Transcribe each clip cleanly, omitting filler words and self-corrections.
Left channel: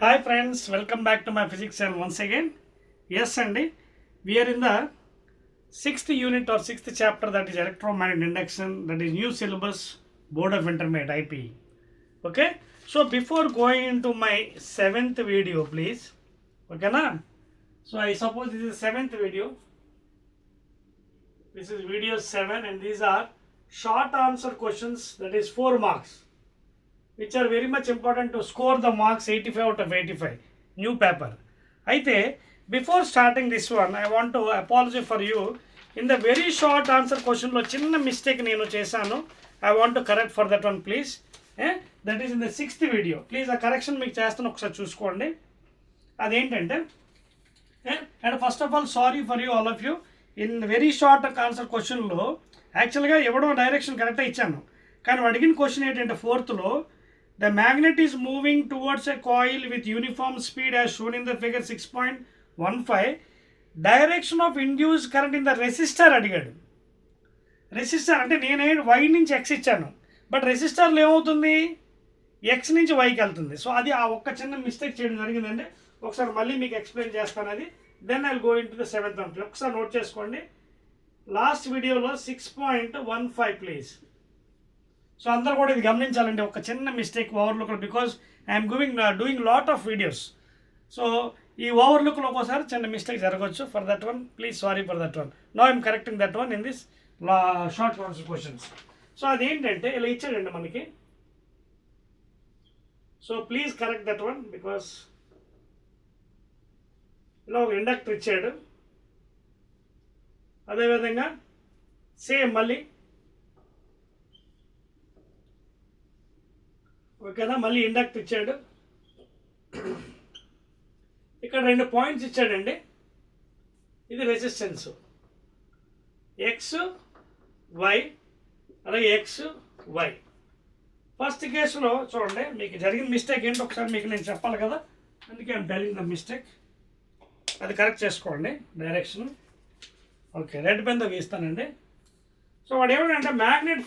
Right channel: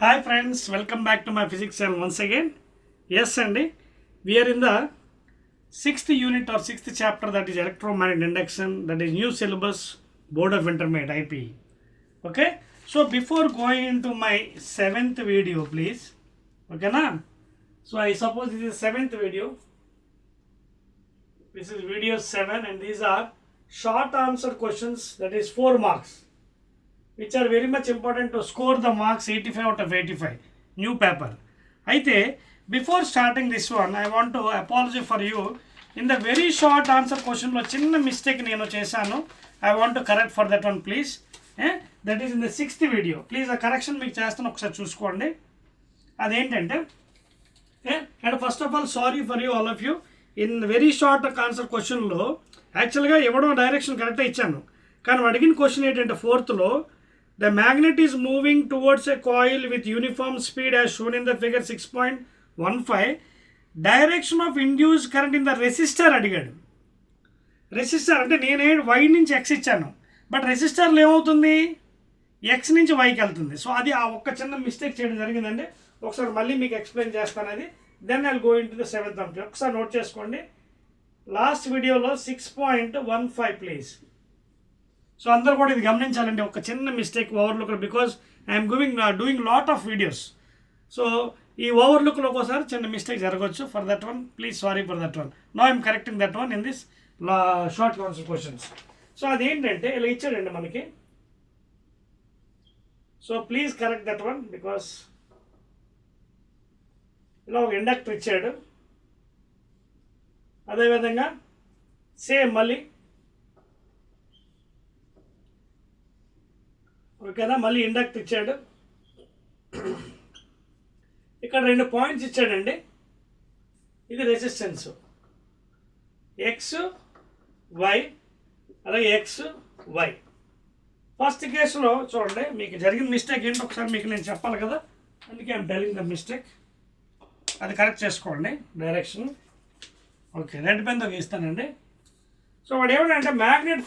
Hi friends, welcome back to my physics channel once again. Yes, Andy, we are in the 6th unit or 6th chapter, that is electromagnetic induction, that is new syllabus, Board of Intermediate IPE. Okay, so before going into my 7th video, please, okay na? So I suppose this is 7th video. This is video 7 and these are short answer questions, that is 4 marks, which are very much important to score the marks 85 out of 85, new paper. Aithe, before starting this one, I want to apologize for you. In the very short answer question lo chinna mistake nenu chesanu. I want to correct for that one, please. That is in the 6th video. Please a correction meeku chestanu okasari chuskondi. Adentante, and first of all, sorry for you, all of you. In very short answer question lo actually ga evado direction correct ichanu, కానీ అడిగిన క్వశ్చన్ ఏంటంటే 4th లో the magnet is moving towards a coil with uniform speed as shown in the figure 6.15. Direction of induced current in the resistor అడిగాడు. రెసిస్టర్ అంటే నేనే వై నుంచి ఎక్స్ ఇచ్చాను, బట్ రెసిస్టర్లో ఏమవుతుంది, ఎక్స్ నుంచి వైకి వెళ్తుంది. సో అది ఆ ఒక్క చిన్న మిస్టేక్ చేయడం జరిగిందండి. ఒకసారి మళ్ళీ మీకు ఎక్స్ప్లెయిన్ చేస్తాను అది. Then I will go into the 7th అంశం. ఒకసారి నోట్ చేసుకోండి. లాస్ట్ వీడియోలో 6.15 ప్లీజ్. సో అందరూ కూడా ఇది గమనించాలండి, ఒక చిన్న mistake overlook, because I'm doing lot of videos. So ఈ ఓవర్లుక్లో ఒకసారి చిన్న మిస్టేక్ జరగవచ్చు. For that one please sorry for that one. No I'm correcting that one in this short answer questions. So అదేంటంటే ఇలా ఇచ్చాడండి మనకి. So please correct that one, because ఇలా ఒక ఇండక్టర్ ఇచ్చాడు. అదేవిధంగా సేమ్ మళ్ళీ ఓకేనా, మళ్ళీ ఇండక్టర్ ఇచ్చాడు. ఇక్కడ 2 పాయింట్స్ ఇచ్చాడండి. ఇది రెసిస్టెన్స్ ఎక్స్ వై, అలాగే ఎక్స్ వై. ఫస్ట్ కేసులో చూడండి మీకు జరిగిన మిస్టేక్ ఏంటో ఒకసారి మీకు నేను చెప్పాలి కదా, అందుకే ఐఎమ్ టెలింగ్ ద మిస్టేక్. అది కరెక్ట్ చేసుకోండి డైరెక్షన్. ఓకే, రెడ్ పెన్తో గీస్తానండి. సో వాడు ఏమంటే మ్యాగ్నెట్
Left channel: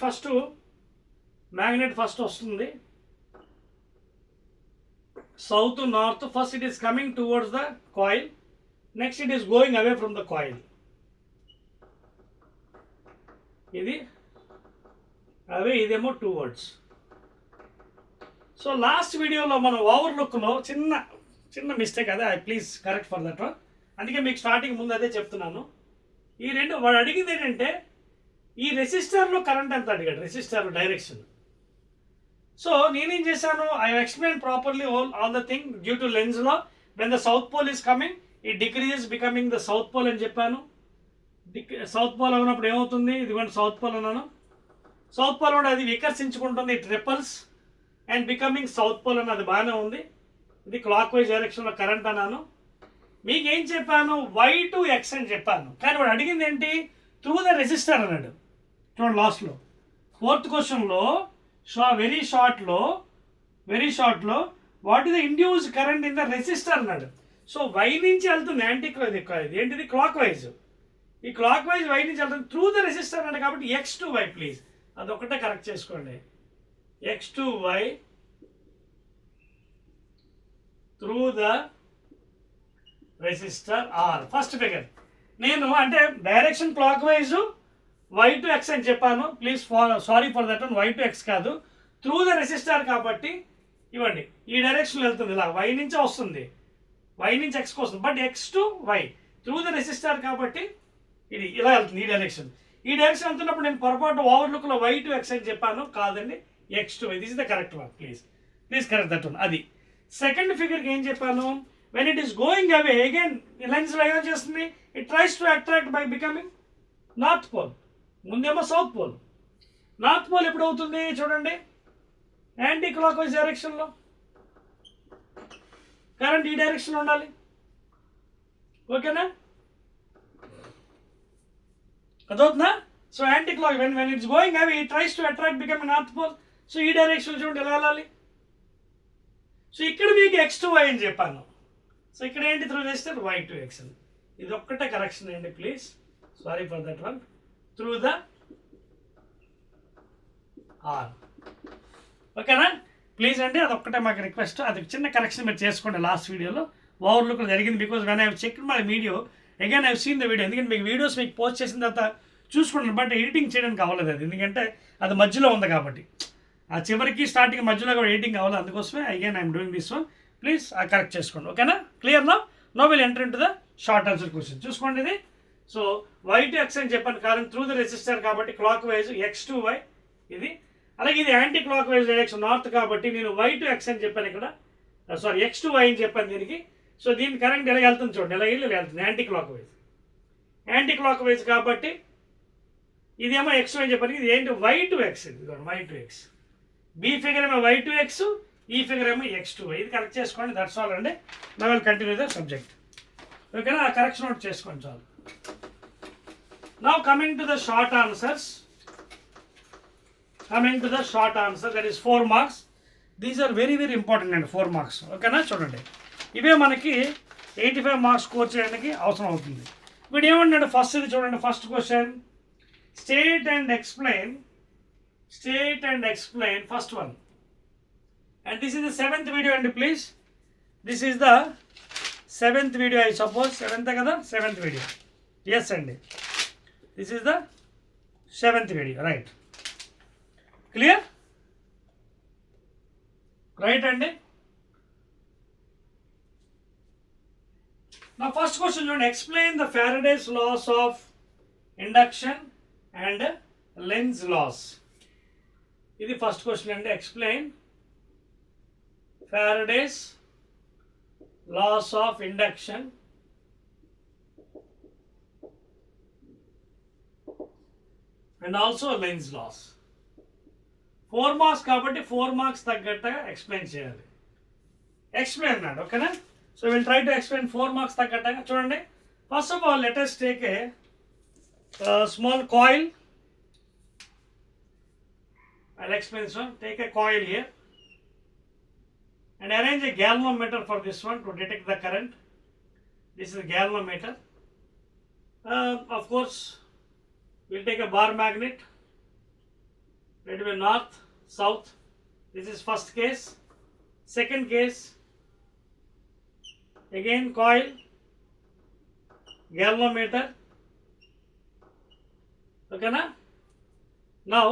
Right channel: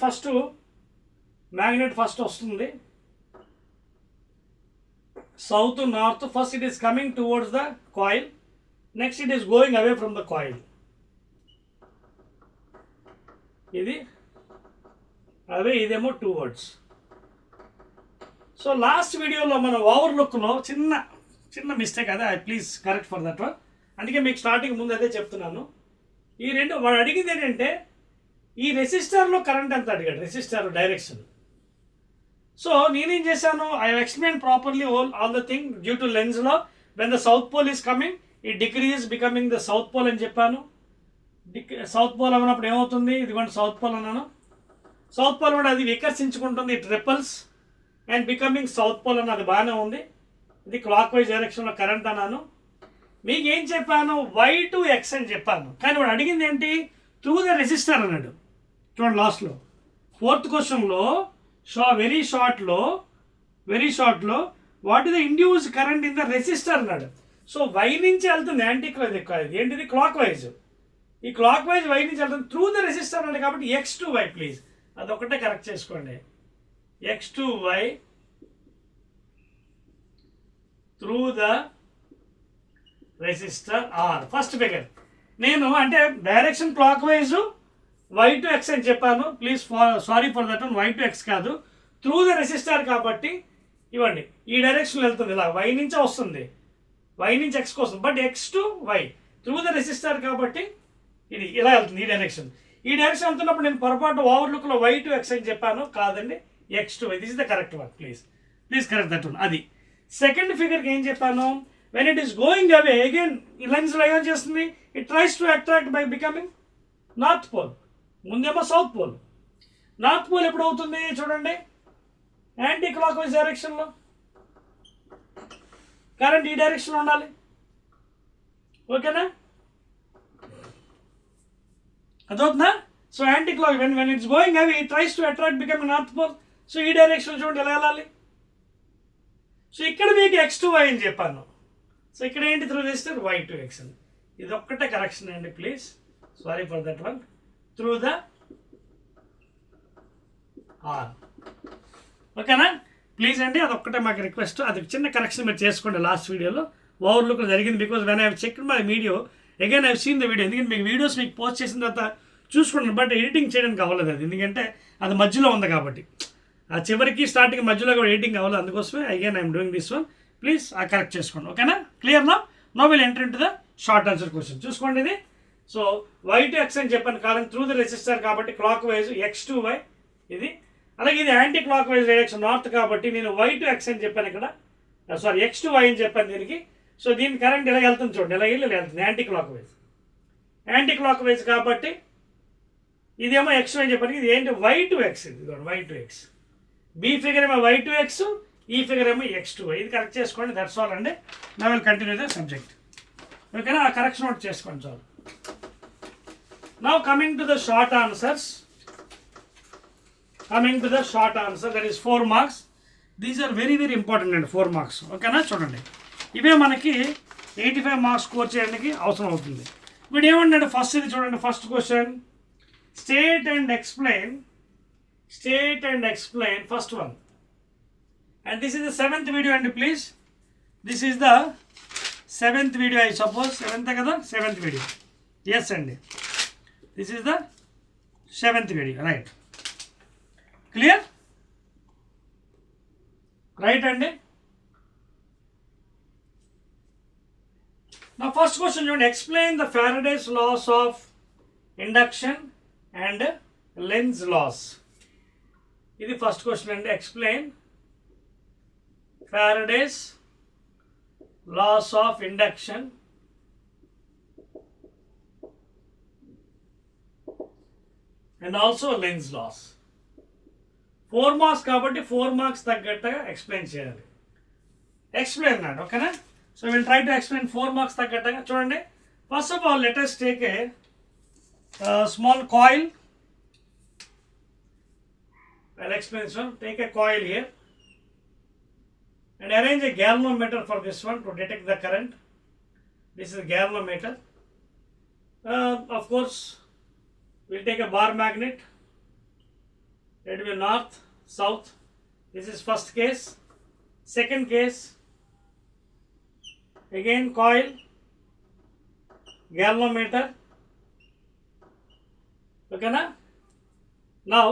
ఫస్ట్ వస్తుంది south to north. First it is coming towards the coil, next it is going away from the coil. ఇది అవే, ఇదేమో towards. సో లాస్ట్ వీడియోలో మనం ఓవర్లుక్లో చిన్న మిస్టేక్, అదే please correct for that one. అందుకే మీకు స్టార్టింగ్ ముందు అదే చెప్తున్నాను. ఈ రెండు వాడు అడిగింది ఏంటంటే ఈ రెసిస్టర్లో కరెంట్ ఎంత అడిగాడు, రెసిస్టర్ డైరెక్షన్. సో నేనేం చేశాను, I explain properly all the thing. Due to లెన్స్లో when the south pole is coming, ఈ decrease becoming the south pole అని చెప్పాను. సౌత్ పోల్ అన్నప్పుడు ఏమవుతుంది, ఇదిగోండి సౌత్ పోల్ అన్నాను. సౌత్ పోల్ అంటే అది వికర్షించుకుంటుంది, it repels and becoming south pole అని, అది బాగానే ఉంది. ఇది క్లాక్ వైజ్ డైరెక్షన్లో కరెంట్ అన్నాను. మీకు ఏం చెప్పాను, వై టు ఎక్స్ అని చెప్పాను. కానీ వాడు అడిగింది ఏంటి, త్రూ ద రెసిస్టర్ అన్నాడు. చూడండి లాస్ట్లో 4th క్వశ్చన్లో వెరీ షార్ట్లో what is the induce current in the resistor అన్నాడు. సో వై నుంచి వెళ్తుంది ఏంటిది క్లాక్ వైజ్. ఈ క్లాక్ వైజ్ వై నుంచి వెళ్తుంది త్రూ ద రెసిస్టర్ అన్నాడు. కాబట్టి ఎక్స్ టు వై ప్లీజ్, అదొకటే కరెక్ట్ చేసుకోండి. X to Y through the resistor R. First figure నేను అంటే direction clockwise Y to X అని చెప్పాను. Please sorry for that one, Y to X కాదు, through the resistor. కాబట్టి ఇవ్వండి, ఈ డైరెక్షన్లో వెళ్తుంది, ఇలా వై నుంచే వస్తుంది, వై నుంచి ఎక్స్కి వస్తుంది, but X to Y through the resistor కాబట్టి ఇది ఇలా వెళ్తుంది, ఈ డైరెక్షన్ వెళ్తున్నప్పుడు నేను పొరపాటు ఓవర్లుక్లో వై టు ఎక్స్ అని చెప్పాను, కాదండి X to Y. This is the correct one, please correct that one. అది సెకండ్ ఫిగర్కి ఏం చెప్పాను, when it is going away again ఈ లైన్స్లో ఏం చేస్తుంది, it tries to attract by becoming north pole. ముందేమో సౌత్ పోల్, నార్త్ పోల్ ఎప్పుడు అవుతుంది చూడండి, యాంటీ క్లాక్ వైజ్ డైరెక్షన్లో. కరెంట్ ఈ డైరెక్షన్లో ఉండాలి, ఓకేనా, అదవుతుందా. So anti clock when it's going away it tries to attract becoming north pole. So ఈ డైరెక్షన్ చూడండి ఎలా వెళ్ళాలి. సో ఇక్కడ మీకు ఎక్స్ టు వై అని చెప్పాను. సో ఇక్కడ ఏంటి త్రూ చేస్తే వై టు ఎక్స్ అని. ఇది ఒక్కటే కరెక్షన్ అండి, please sorry for that one. Through the R, ఓకేనా. ప్లీజ్ అండి, అదొక్కటే మాకు రిక్వెస్ట్. అది చిన్న కరెక్షన్ మీరు చేసుకోండి. లాస్ట్ వీడియోలో ఓవర్లుక్ జరిగింది, because when I check my video again I seen the video. ఎందుకంటే మీకు వీడియోస్ మీకు పోస్ట్ చేసిన తర్వాత చూసుకుంటాను, బట్ ఎడిటింగ్ చేయడానికి అవ్వలేదు అది, ఎందుకంటే అది మధ్యలో ఉంది కాబట్టి. ఆ చివరికి స్టార్టింగ్ మధ్యలో కూడా ఎడిటింగ్ అవ్వలేదు, అందుకోసమే again I'm doing this one. Please ఆ కరెక్ట్ చేసుకోండి, ఓకేనా? Clear no will enter into the short answer question. చూసుకోండి ఇది. సో వై టు ఎక్స్ అని చెప్పాను, కారణం త్రూ ద రెసిస్టర్ కాబట్టి clockwise X to Y ఇది. అలాగే ఇది anticlockwise direction north కాబట్టి నేను వై టు ఎక్స్ అని చెప్పాను ఇక్కడ, సారీ ఎక్స్ టు వై అని చెప్పాను దీనికి. సో దీని కరెంట్ ఎలా వెళ్తుంది చూడండి, ఎలా వెళ్ళి వెళ్తుంది యాంటీ క్లాక్ వైజ్ కాబట్టి ఇదేమో ఎక్స్ అని చెప్పాను. ఇది ఏంటి వై టు ఎక్స్, ఇది Y to X. B figure ఏమో వై టు ఎక్స్, ఈ ఫిగర్ ఏమో ఎక్స్ టు వై. ఇది కరెక్ట్ చేసుకోండి, దట్స్ ఆల్ అండి. నా విల్ కంటిన్యూ ద సబ్జెక్ట్, ఓకేనా? ఆ కరెక్షన్ నోట్ చేసుకోండి చాలు. Now coming to the short answers, that is 4 marks. These are very important and 4 marks, ఓకేనా? చూడండి, ఇవే మనకి 85 మార్క్స్ స్కోర్ చేయడానికి అవసరం అవుతుంది. వీడు ఏమన్నాడు ఫస్ట్, ఇది చూడండి, first question, state and explain first one. And this is the 7th video అండి, please. This is the 7th video, I suppose 7th కదా, 7th వీడియో. ఎస్ అండి, this is the 7th video, right? Clear? Right అండి. Now first question, you explain the Faraday's laws of induction and Lenz's laws. ఇది first question అండి. Explain Faraday's laws of induction and also Lenz's laws. 4 marks కాబట్టి 4 మార్క్స్ తగ్గట్టుగా ఎక్స్ప్లెయిన్ చేయాలి. ఎక్స్ప్లెయిన్ అన్నాడు, ఓకేనా? So will try to explain 4 మార్క్స్ తగ్గట్టుగా. చూడండి, first of all let us take a small coil. I'll explain this one. Take a coil here and arrange a galvanometer for this one to detect the current. This is a galvanometer. Of course, we'll take a bar magnet. It will be north, south. This is first case. Second case, again coil, galvanometer. Okay na? Now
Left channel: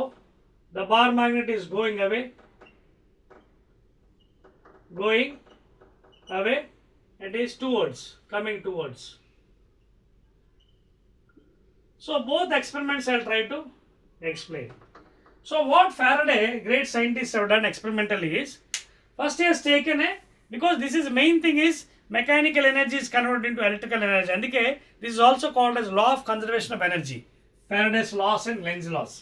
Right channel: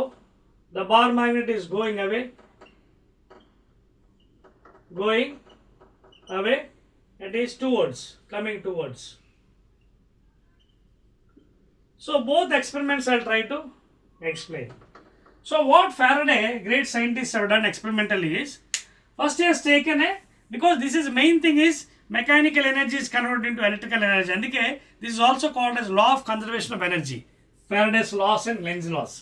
the bar magnet is going away. It is coming towards. So both experiments I'll try to explain. So what Faraday, great scientists, have done experimentally is, first he has taken because this is main thing is mechanical energy is converted into electrical energy. Andike this is also called as law of conservation of energy, Faraday's laws and Lenz's laws.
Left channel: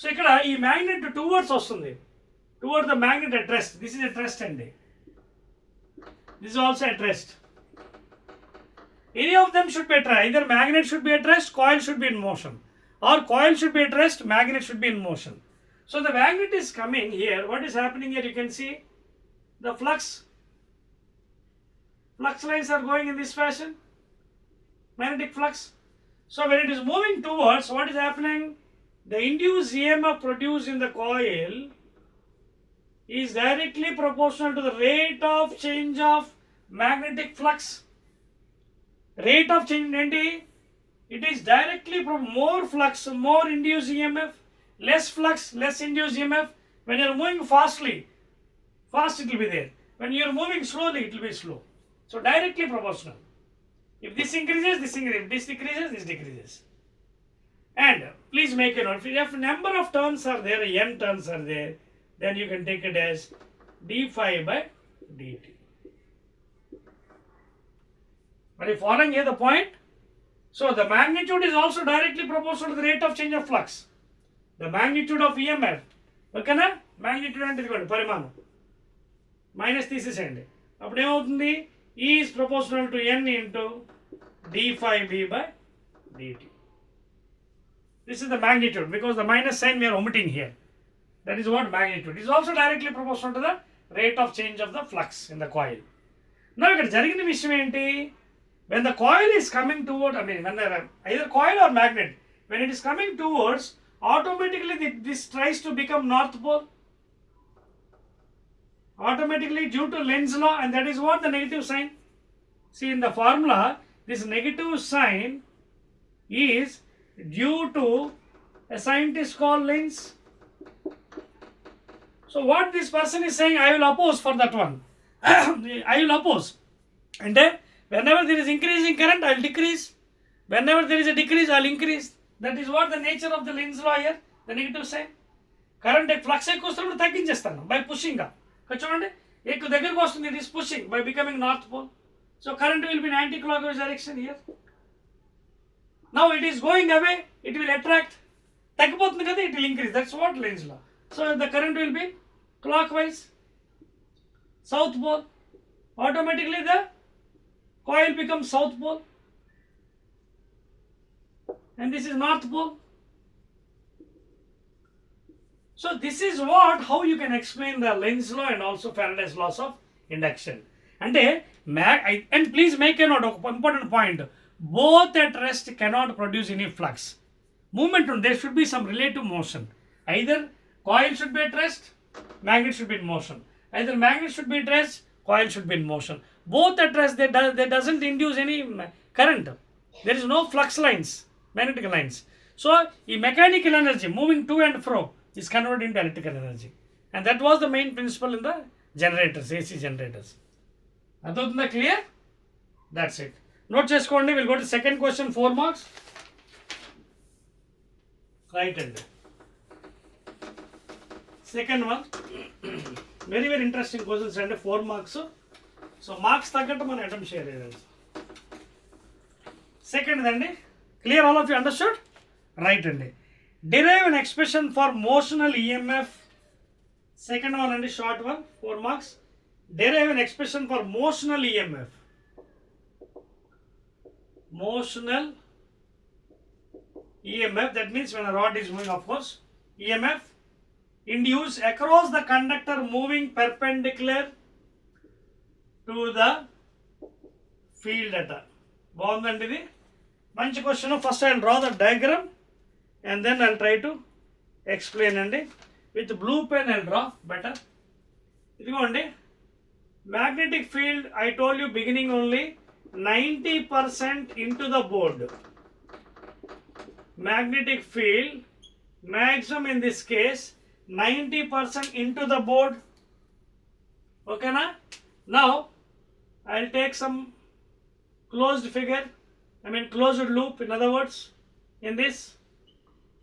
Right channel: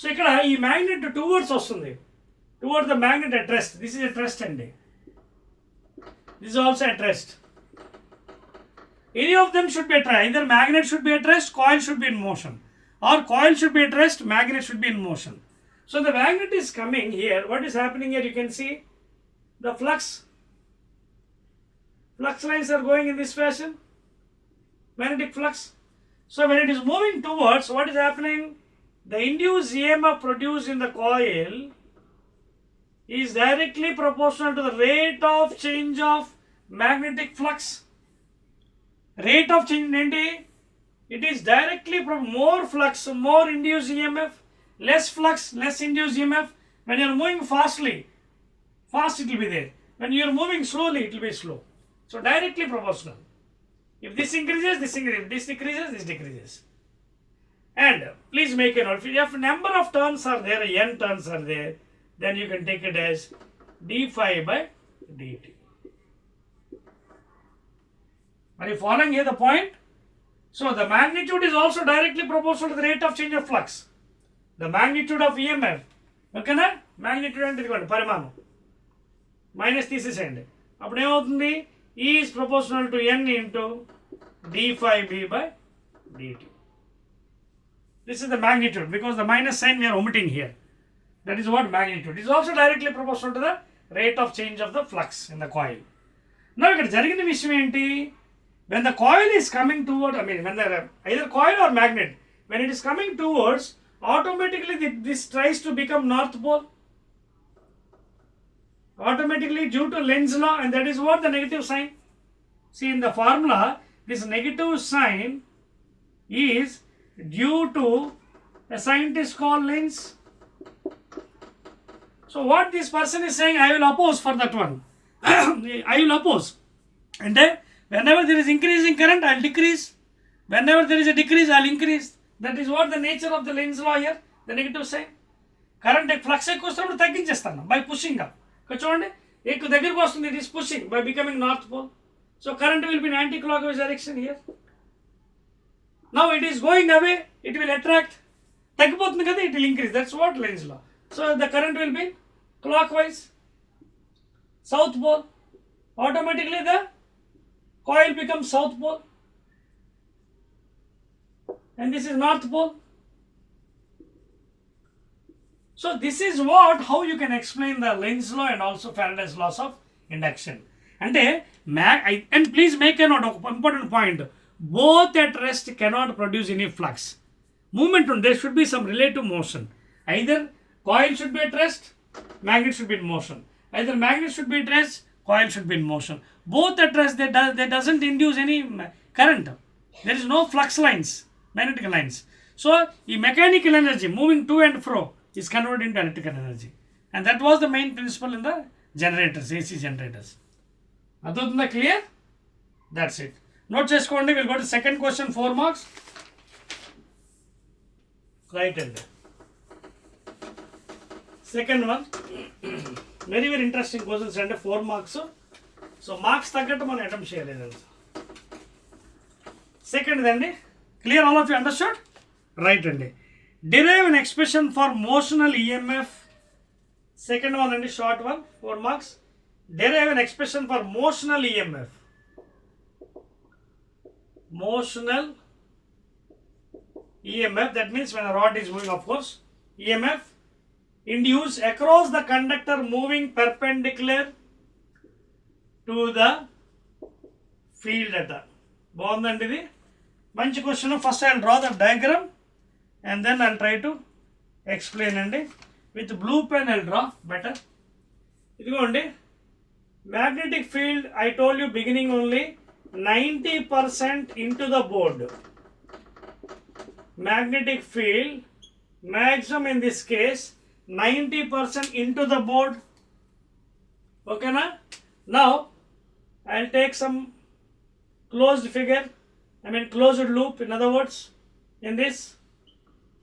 So ikkada ee magnet towards vastundi, towards the magnet at rest. This is at rest andi. This is also at rest. Any of them should be at rest. Either magnet should be at rest, coil should be in motion, or coil should be at rest, magnet should be in motion. So the magnet is coming here. What is happening here? You can see the flux lines are going in this fashion, magnetic flux. So when it is moving towards, what is happening? The induced EMF produced in the coil is directly proportional to the rate of change of magnetic flux. Rate of change enti, it is directly from more flux, more induced EMF, less flux, less induced EMF. When you are moving fast it will be there. When you are moving slowly, it will be slow. So directly proportional. If this increases, this increases. If this decreases, this decreases. And please make a note. If number of turns are there, n turns are there, then you can take it as d phi by dt. Are you following here the point? So the magnitude is also directly proportional to the rate of change of flux. The magnitude of EMF, okay na? Magnitude అంటే ఇదిగోండి పరిమాణం, మైనస్ తీసేసేయండి. అప్పుడు ఏమవుతుంది? E is proportional to n into d phi b by dt. This is the magnitude, because the minus sign we are omitting here. That is what magnitude. It is also directly proportional to the rate of change of the flux in the coil. Now ఇక్కడ జరిగిన విషయం ఏంటి? When the coil is coming toward, when the either coil or magnet, when it is coming towards, automatically this tries to become north pole. automatically due to Lenz's law, and that is what the negative sign. See, in the formula, this negative sign is due to a scientist called Lenz. So what this person is saying, I will oppose for that one. I will oppose. And whenever there is increasing current, I will decrease. Whenever there is a decrease, I will increase. That is what the nature of the Lenz law here, the negative sign. Current flux ఎక్కువ తగ్గించేస్తాను by pushing up. చూడండి ఎక్కువ దగ్గరకు వస్తుంది, it is pushing by becoming north pole. So current will be in anti-clockwise direction here. Now it is going away, it will attract. తగ్గిపోతుంది కదా, it will increase. That's what Lenz law. So the current will be clockwise, south pole. Automatically the coil becomes south pole. And this is north pole. So this is what, how you can explain the Lenz law and also Faraday's laws of induction. And please make a note of important point. Both at rest cannot produce any flux. Movement, there should be some relative motion. Either coil should be at rest, magnet should be in motion. Either magnet should be at rest, coil should be in motion. Both at rest, they doesn't induce any current. There is no flux lines, magnetic lines. So, the mechanical energy moving to and fro is converted into electrical energy. And that was the main principle in the generators, AC generators. Adutunda clear? That's it. Note cheskondi, we'll go to second question, 4 marks. Right hand. Second one, very interesting questions and 4 marks. So marks తగ్గట్టు మనం అటెంప్ట్ చేయలేదు. Second అండి, clear, all of you understood? Right అండి. Derive an expression for motional EMF. Second one అండి, short one, 4 marks. Derive an expression for motional EMF. Motional EMF, that means when a rod is moving, of course, EMF induced across the conductor moving perpendicular to the field data. బాగుందండి ఇది, మంచి question. First I will draw the diagram and then I'll try to explain అండి. with blue pen I'll draw better. ఇదిగోండి, magnetic field I told you beginning only 90% into the board. Magnetic field maximum in this case 90% into the board. Okay na? Now I'll take some closed figure, closed loop, in other words, in this.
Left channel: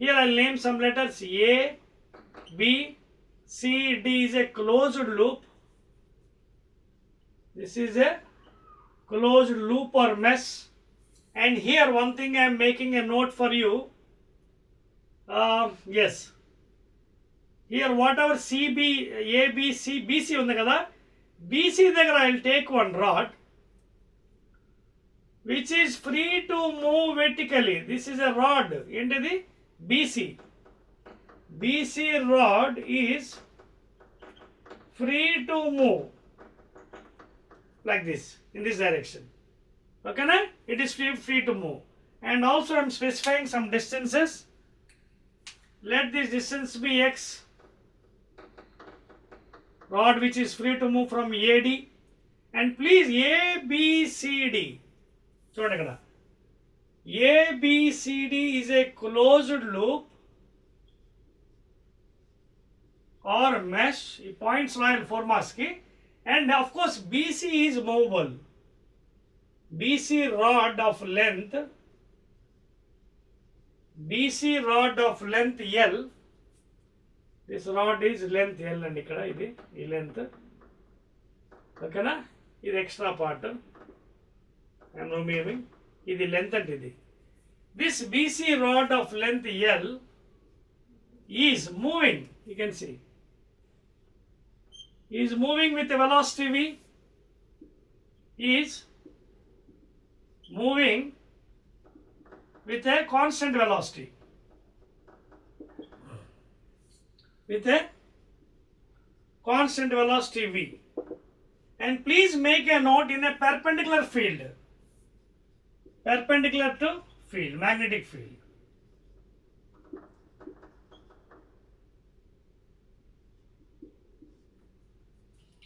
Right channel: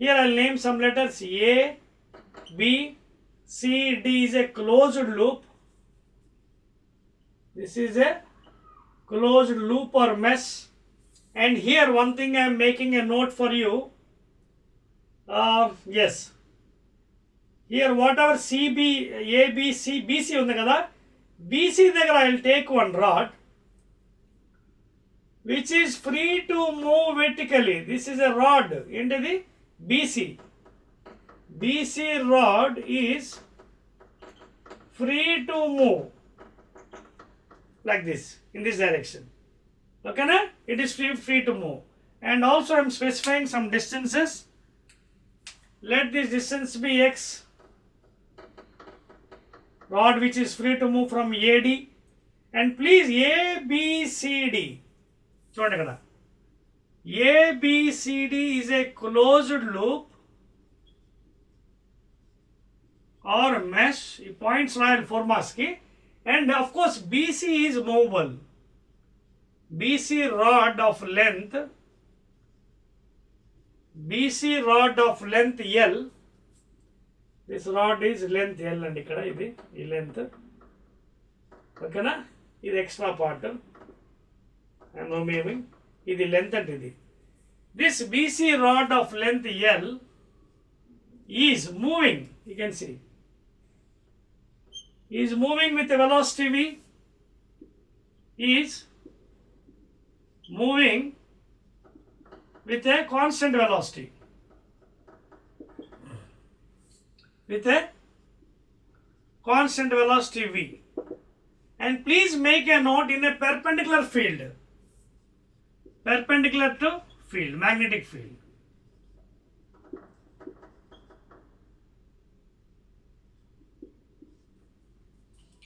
Here I'll name some letters A, B, C, D is a closed loop. This is a closed loop or mesh. And here one thing I am making a note for you. Yes. Here whatever CB, ABC, BC ఉంది కదా, BC దగ్గర I will take one rod which is free to move vertically. This is a rod. ఏంటిది? BC. BC rod is free to move like this, in this direction. Okay na? It is free to move. And also I am specifying some distances. Let this distance be x. Rod which is free to move from AD. And please ABCD. చూడండి కదా, ABCD is a closed loop or mesh. Points royal formas ki. And of course BC is movable. BC rod of length L. This rod is length L and ikkada idi ee length. Okay na? Idi extra part. I am removing. Idi length and idi. This BC rod of length L is moving. You can see. Is moving with a velocity V. Is moving with a constant velocity. With a constant velocity V. And please make a note in a perpendicular field. Perpendicular to field, magnetic field.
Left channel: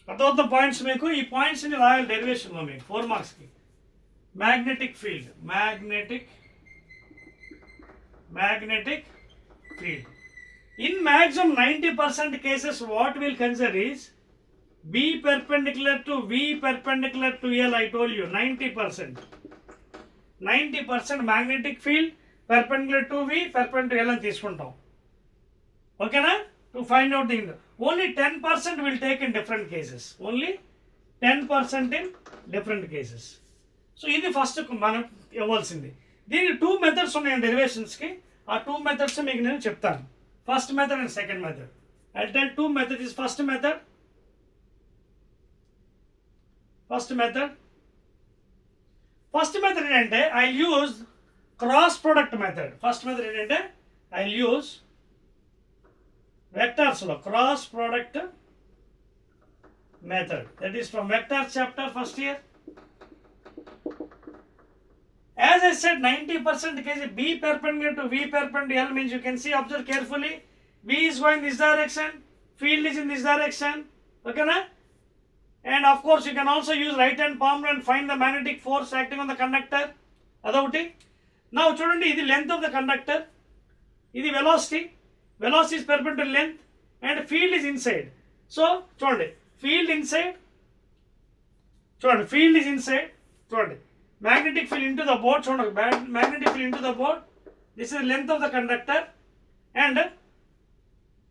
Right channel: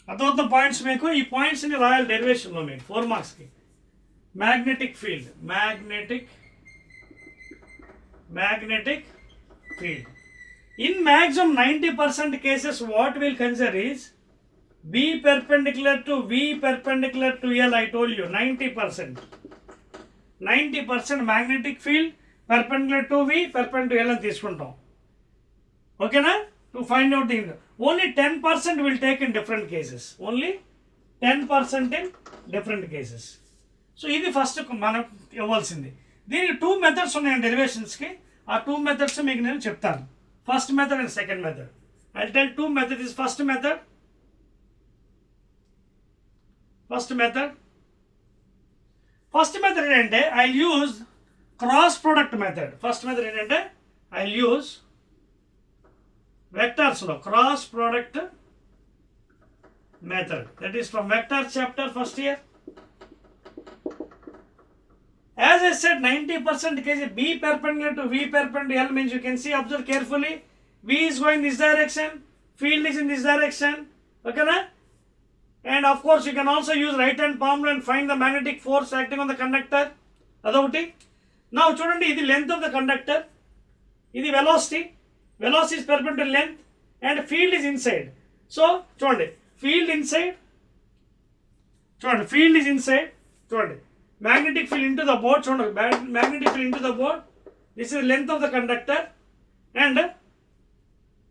అర్థమవుతున్న points మీకు, ఈ పాయింట్స్ని రాయాలి డెరివేషన్లో మీకు 4 మార్క్స్కి. Magnetic field, magnetic field. In maximum 90% cases, what we'll consider is B perpendicular to V perpendicular to L. I told you 90% magnetic field perpendicular to V perpendicular to L అని తీసుకుంటాం. ఓకేనా? To find out the only 10% will take in different cases. Only 10% in different cases. So ఇది ఫస్ట్ మనం ఇవ్వాల్సింది. దీనికి 2 మెథడ్స్ ఉన్నాయి డెరివేషన్స్కి. ఆ 2 మెథడ్స్ మీకు నేను చెప్తాను. First method and second method. I tell 2 method is first method. First method ఏంటంటే I use cross product method. First method ఏంటంటే ఐ యూజ్ వెక్టార్స్లో cross product method. That is from vectors chapter first year. As I said, 90% case B perpendicular to V perpendicular L means you can see, observe carefully, V is going this direction, field is in this direction. Okay na? And of course you can also use right hand palm and find the magnetic force acting on the conductor. Adavoti. Now chudandi, idi length of the conductor, idi velocity is perpendicular to length, and field is inside. So chudandi, field is inside. Chudandi, magnetic field into the board. Magnetic field into the board. This is the length of the conductor, and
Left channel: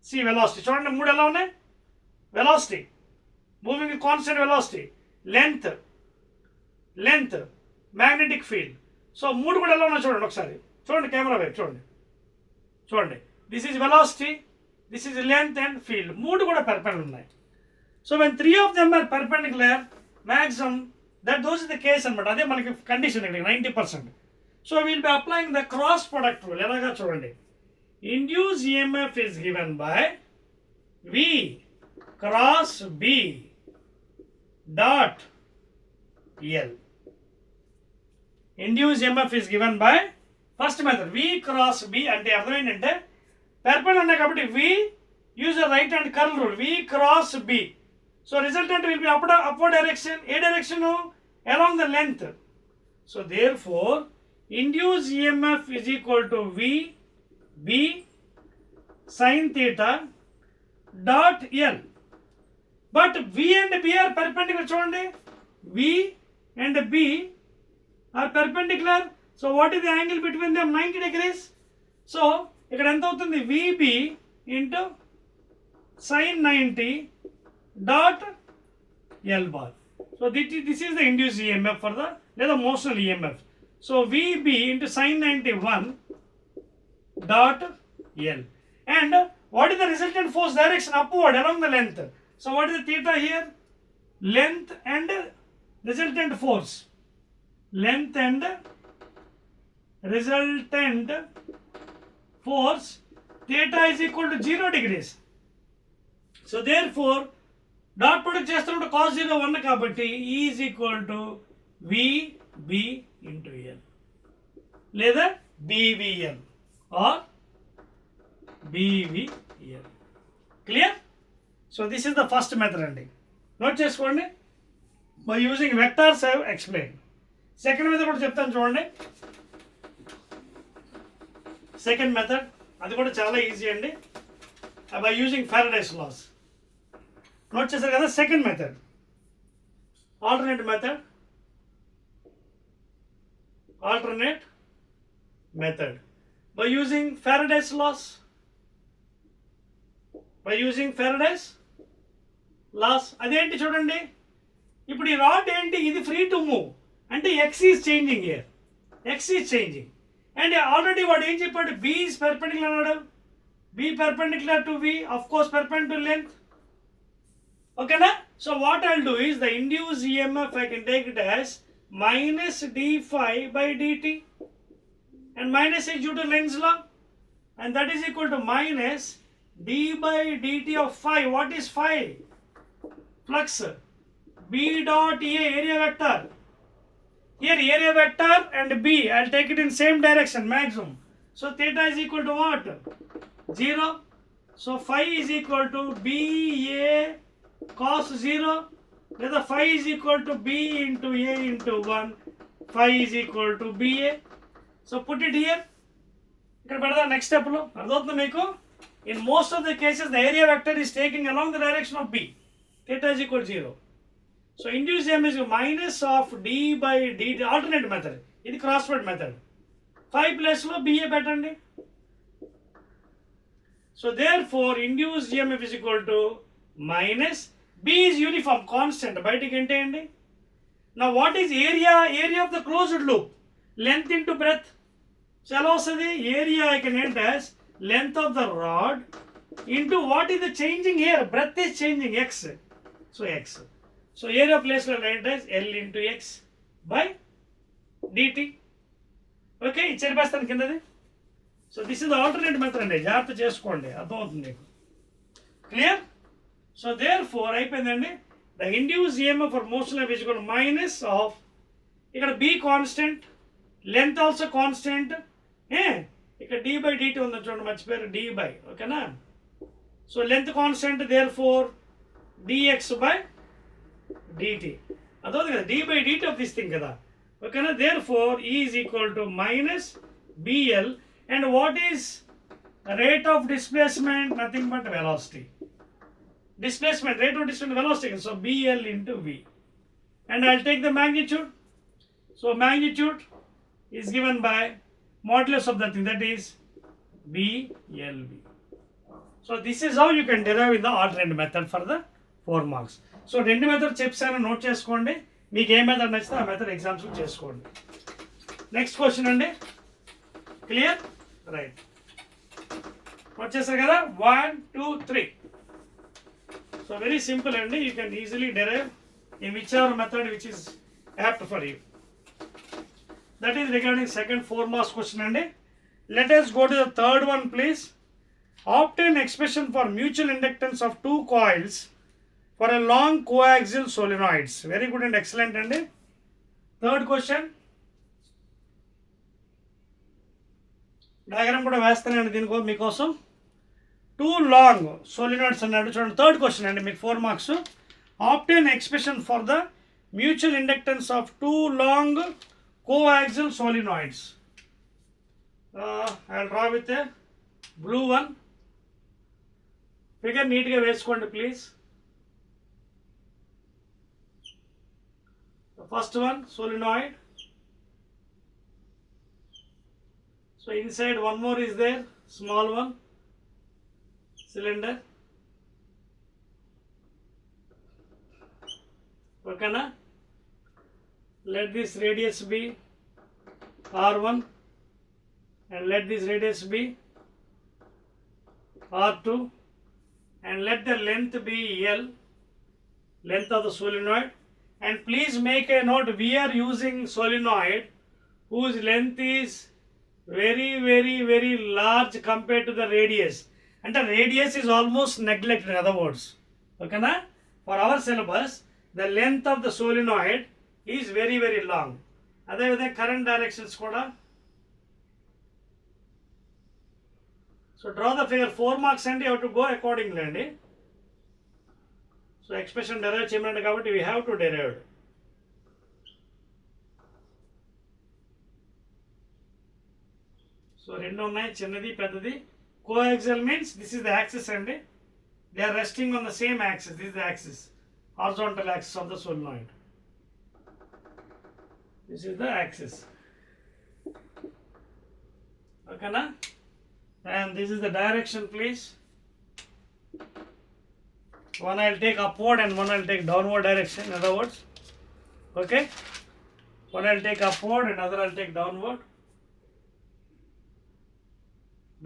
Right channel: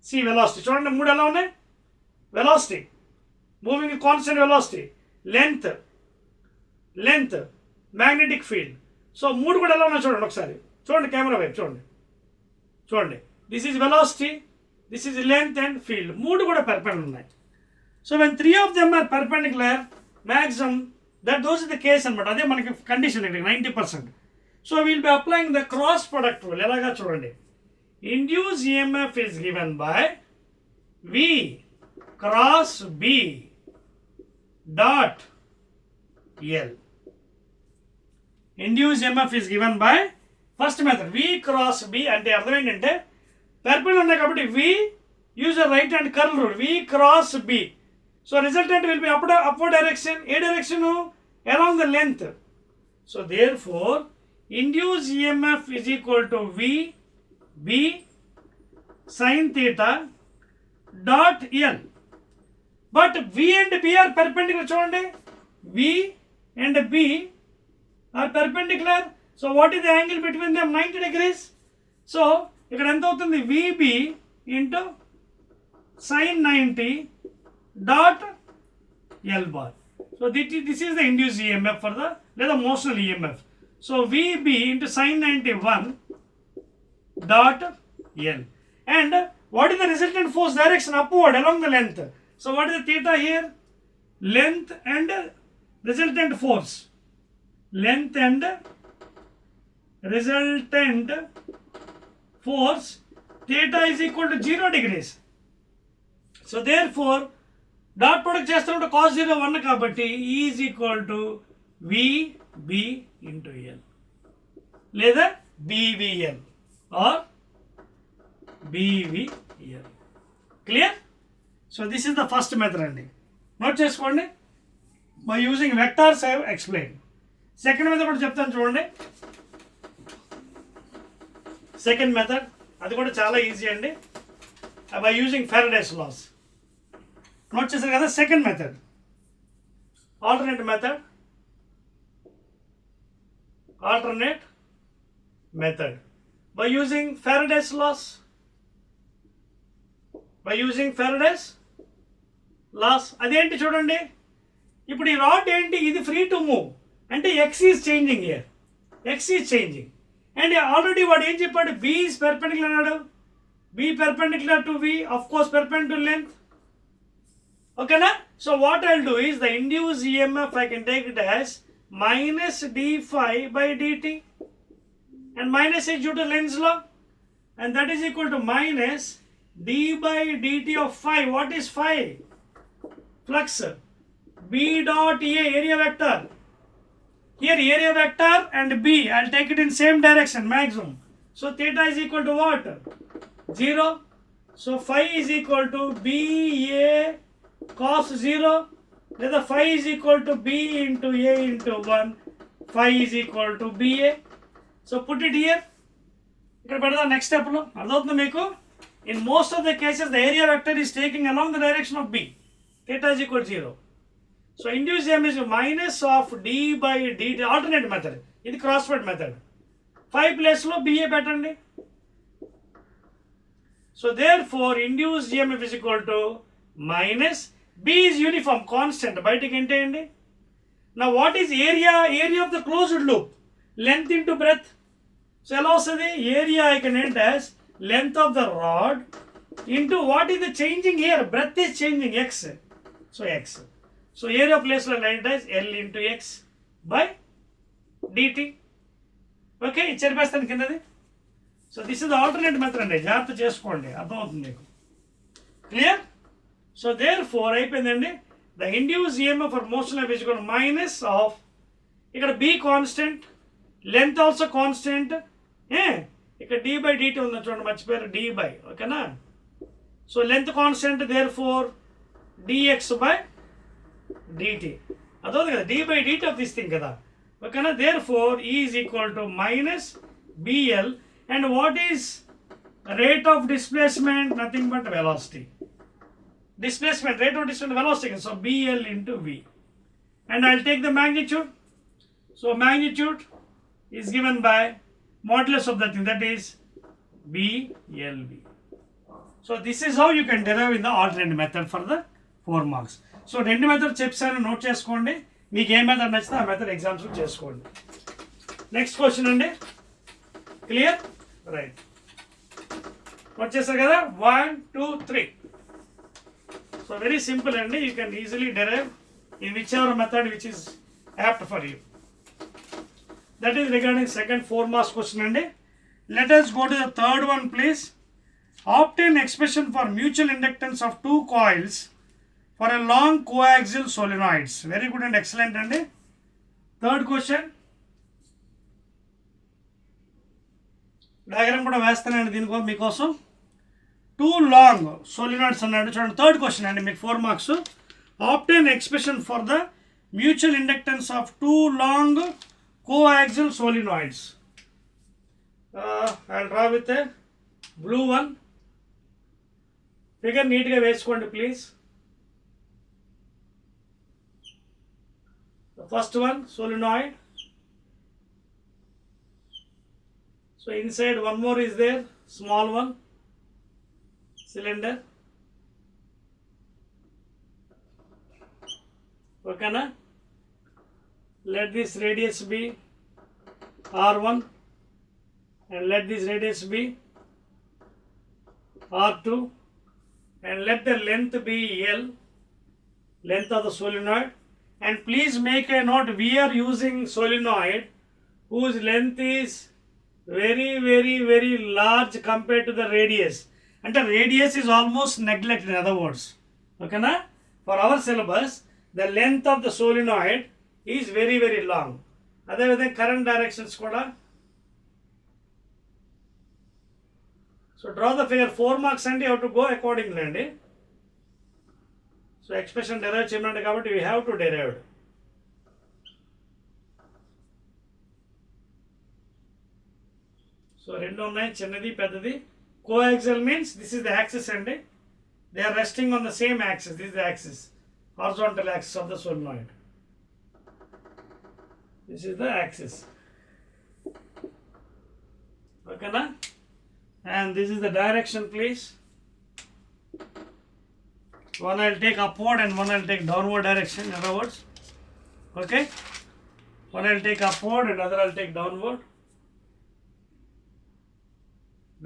see velocity. చూడండి మూడు ఎలా ఉన్నాయి? Velocity, moving with constant velocity, length, magnetic field. So మూడు కూడా ఎలా ఉన్నాయి చూడండి ఒకసారి. చూడండి కెమెరా వైపు చూడండి. This is velocity, this is length and field. మూడు కూడా perpendicular ఉన్నాయి. So when 3 of them are perpendicular, maximum, those is the case అనమాట. అదే మనకి కండిషన్ ఇక్కడ 90%. So will be applying the cross product rule. ఎలాగా చూడండి. Induce EMF is given by V cross B dot L. Induce EMF is given by first method V cross B అంటే అర్థం ఏంటంటే పెర్పెండిక్యులర్ ఉన్నాయి కాబట్టి V use the right hand curl rule. V cross B. So resultant will be upward direction. A direction along the length. So therefore induced EMF is equal to V B sin theta dot L. But V and B are perpendicular. చూడండి, V and B are perpendicular. So what is the angle between them? 90 degrees. So ఇక్కడ ఎంత అవుతుంది? VB into sin 90 dot L bar. So this is the induced EMF for the motional EMF. So VB into sin 91 dot L. And what is the resultant force direction? Upward along the length. So what is the theta here? Length and resultant force. Length and resultant force. Theta is equal to 0 degrees. So therefore dot product చేస్తున్నప్పుడు cos 0 1 కాబట్టి E is equal to VB into L లేదా BVL or BVL. Clear? So this is the first method అండి. నోట్ చేసుకోండి. By using vectors I explain. Second method కూడా చెప్తాను చూడండి. Second method అది కూడా చాలా ఈజీ అండి. By using Faraday's laws. Note చేశారు కదా. Second method alternate method by using Faraday's laws. అదేంటి చూడండి. ఇప్పుడు ఈ రాడ్ ఏంటి? ఇది ఫ్రీ టు మూవ్ అంటే x is changing here. And already వాడు ఏం చెప్పాడు? B ఈజ్ పెర్పెండిక్యులర్ అన్నాడు. B perpendicular to V, of course perpendicular length. Okay na? So what I'll do is the induced EMF I can take it as minus d phi by dt, and minus is due to Lenz's law, and that is equal to minus d by dt of phi. What is phi? Flux. B dot A, area vector. Here area vector and B, I'll take it in same direction maximum. So theta is equal to what? 0. So phi is equal to BA cos 0 లేదా phi is equal to b into a into 1, phi is equal to ba. So put it here. ఇక్కడ పెడదాం నెక్స్ట్ స్టెప్లో. అర్థమవుతుంది మీకు? In most of the cases the area vector is taking along the direction of b. theta is equal to 0. So induced EMF is minus of d by dt, alternate method. ఇది cross word method. 5 ప్లేస్లో ba పెట్టండి. So therefore induced EMF is equal to minus b is uniform constant, బయటికి ఎంటేయండి. Now what is area of the closed loop? Length into breadth. So ఎలా వస్తుంది? Area I can end as length of the rod into what is the changing here? Breadth is changing, x. So x. So area place లో write as L into x by dt. Okay, ఇచ్చేస్తాను కిందది. So this is the alternate method అండి, జాగ్రత్త చేసుకోండి, అర్థమవుతుంది మీకు. Clear? So therefore అయిపోయిందండి. The induce EMF for motion of equal minus of, ఇక్కడ B constant, length also constant. ఇక్కడ డి బై డిటి ఉంది చూడండి, మర్చిపోయారు, డి బై. ఓకేనా? So length constant, therefore DX by DT. అదవుతుంది కదా, D by DT of this thing కదా. ఓకేనా? Therefore E is equal to minus BL. And what is rate of displacement? Nothing but velocity. Displacement, rate of displacement, velocity. So BL into V. And I'll take the magnitude. So magnitude is given by modulus of the thing, that is BLV. So this is how you can derive in the alternate method for the 4 marks. So రెండు method చెప్పాను, note చేసుకోండి. మీకు ఏ method నచ్చితే ఆ method exams చేసుకోండి. Next question అండి. Clear? Right, వచ్చేసారు కదా. 1 2 3. సో వెరీ సింపుల్ అండి, you can easily derive in whichever method which is apt for you. That is regarding second 4 marks question అండి. Let us go to the third one please. Obtain expression for mutual inductance of 2 coils for a long coaxial solenoids. Very good and excellent అండి. Third question diagram కూడా వేస్తానండి దీనికో మీకోసం. 2 long solenoids అన్నాడు చూడండి. Third question అండి, మీకు 4 marks. Obtain expression for the mutual inductance of 2 long coaxial solenoids. I draw with a blue one. Figure నీట్గా వేసుకోండి please. First one solenoid. So inside one more is there, small one, cylinder. Okay na? Let this radius be R1 and let this radius be R2 and let the length be L, length of the solenoid. And please make a note, we are using solenoid whose length is very large compared to the radius. And the radius is almost neglected, in other words. Okay na? For our syllabus, the length of the solenoid is very long. Adhe vidhanga current directions kuda. So draw the figure. 4 marks and you have to go accordingly andi. So expression derive cheyamante kabatti we have to derive. సో రెండు ఉన్నాయి, చిన్నది పెద్దది. Coaxial means this is the axis అండి. They are resting on the same axis. This is the axis, horizontal axis of the solenoid. This is the axis. ఓకేనా? And this is the direction please. One I will take upward and one I will take downward direction, in other words. Okay? One I will take upward and other I will take downward.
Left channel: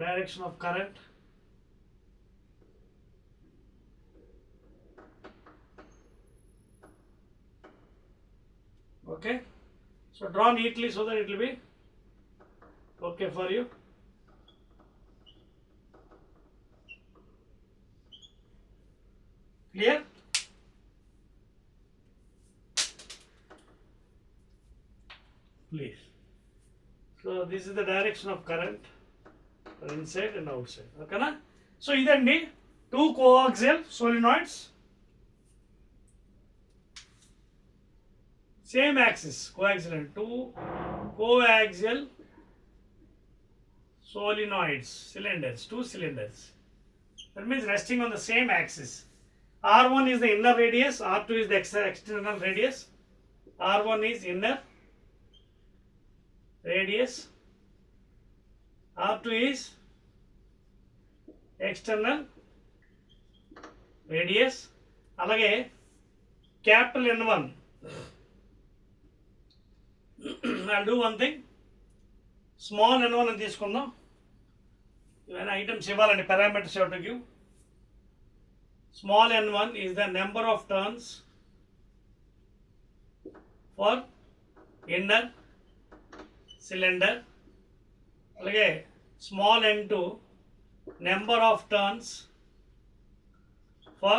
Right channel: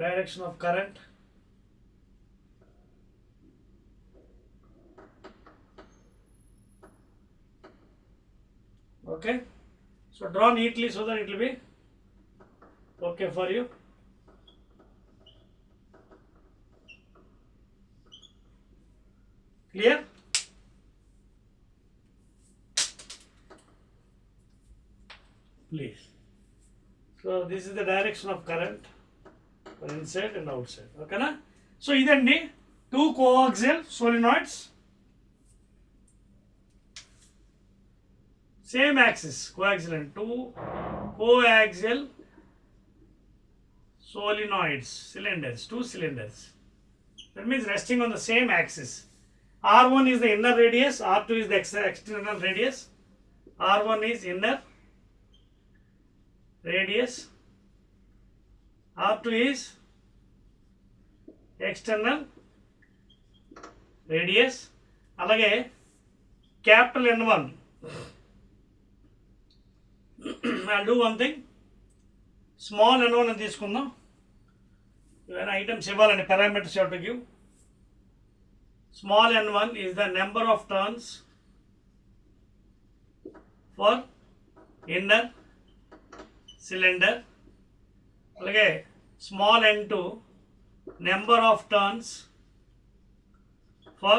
Direction of current. Okay, so draw neatly so that it will be okay for you. Clear? Please. So this is the direction of current for inside and outside. Okay na? So idandi 2 coaxial solenoids. same axis, coaxial, two coaxial solenoids, cylinders, two cylinders. That means resting on the same axis. R1 is the inner radius, R2 is the external radius. R1 is inner radius, R2 is external radius. Alage capital N1. I'll do one thing. Small N1 అని తీసుకుందాం. When items ఇవ్వాలండి, parameters you have to give. Small n1 is the number of turns for inner cylinder. అలాగే small n2 number of turns for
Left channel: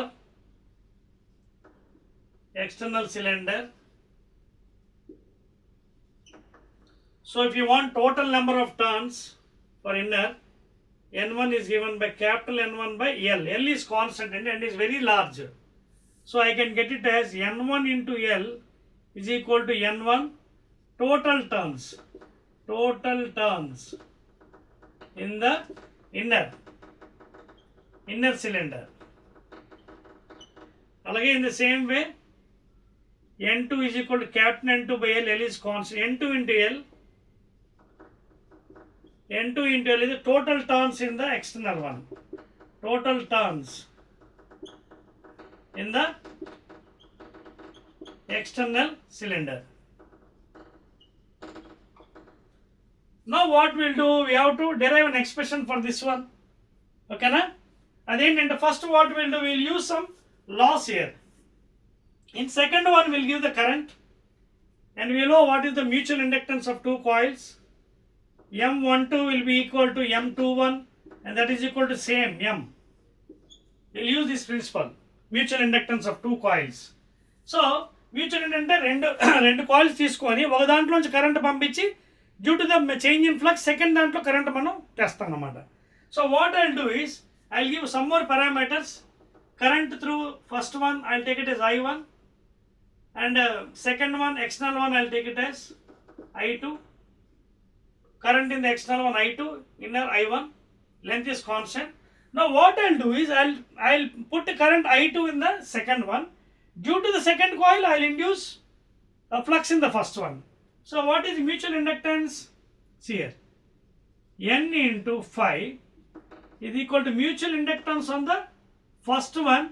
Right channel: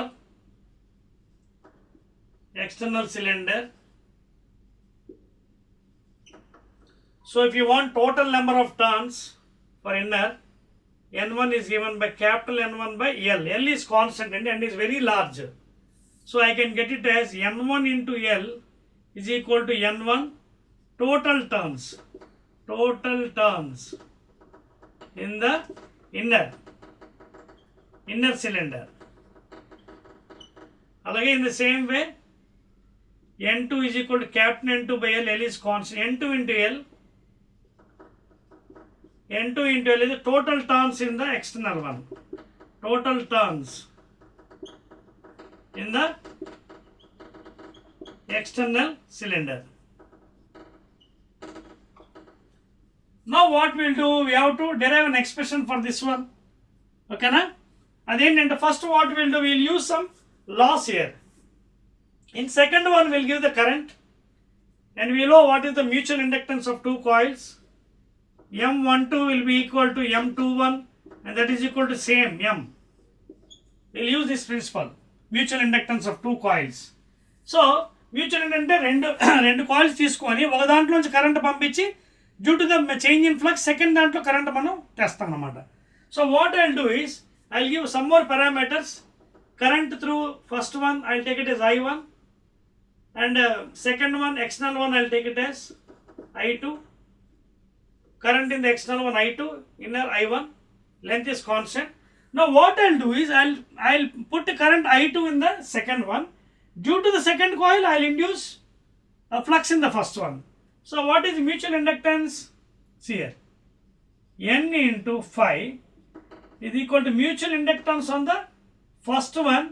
external cylinder. So if you want total number of turns for inner, N1 is given by capital N1 by L. L is constant and is very large. So I can get it as N1 into L is equal to N1 total turns. Total turns in the inner cylinder. Alage in the same way, N2 is equal to capital N2 by L. L is constant. N2 into L. N2 into L is the total turns in the external one. Total turns in the external cylinder. Now what we'll do, we have to derive an expression for this one. Okay na? And the first what we'll do, we'll use some laws here. In second one we'll give the current and we'll know what is the mutual inductance of two coils. M12 will be equal to M21 and that is equal to same M. We'll use this principle, mutual inductance of two coils. So mutual inductance రెండు కాయిల్స్ తీసుకొని ఒక దాంట్లోంచి కరెంట్ పంపించి due to the change in flux second దాంట్లో కరెంట్ మనం తెస్తాం అన్నమాట. So what I'll do is I'll give some more parameters. Current through first one I'll take it as I1 and second one, external one, I'll take it as I2. Current in the external one I2, inner I1, length is constant. Now what I'll do is I'll put the current I2 in the second one. Due to the second coil, I'll induce a flux in the first one. So what is the mutual inductance? See here, N into phi is equal to mutual inductance on the first one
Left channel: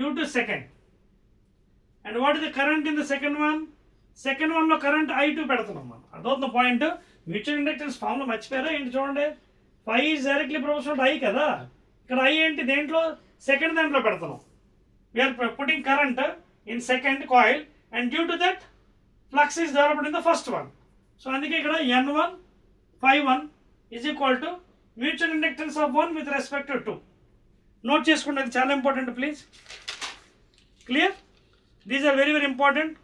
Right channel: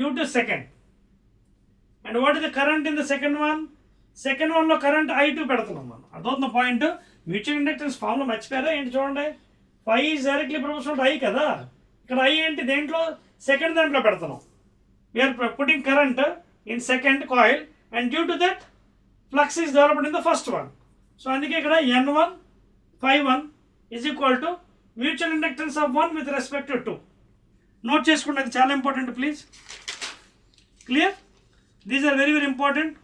due to second. And what is the current in the second one? Second one లో current I2 పెడుతున్నాం మనం. అదొక point. Mutual inductance formula మర్చిపోయారా ఏంటి చూడండి. phi is directly proportional to I కదా. ఇక్కడ I ఏంటి, దేంట్లో సెకండ్ దాంట్లో పెడుతున్నాం. We are putting current in second coil and due to that flux is developed in the first one. So అందుకే ఇక్కడ N1 phi1 is equal to mutual inductance of 1 with respect to 2. Note చేసుకోండి, అది చాలా important please. Clear? These are very very important.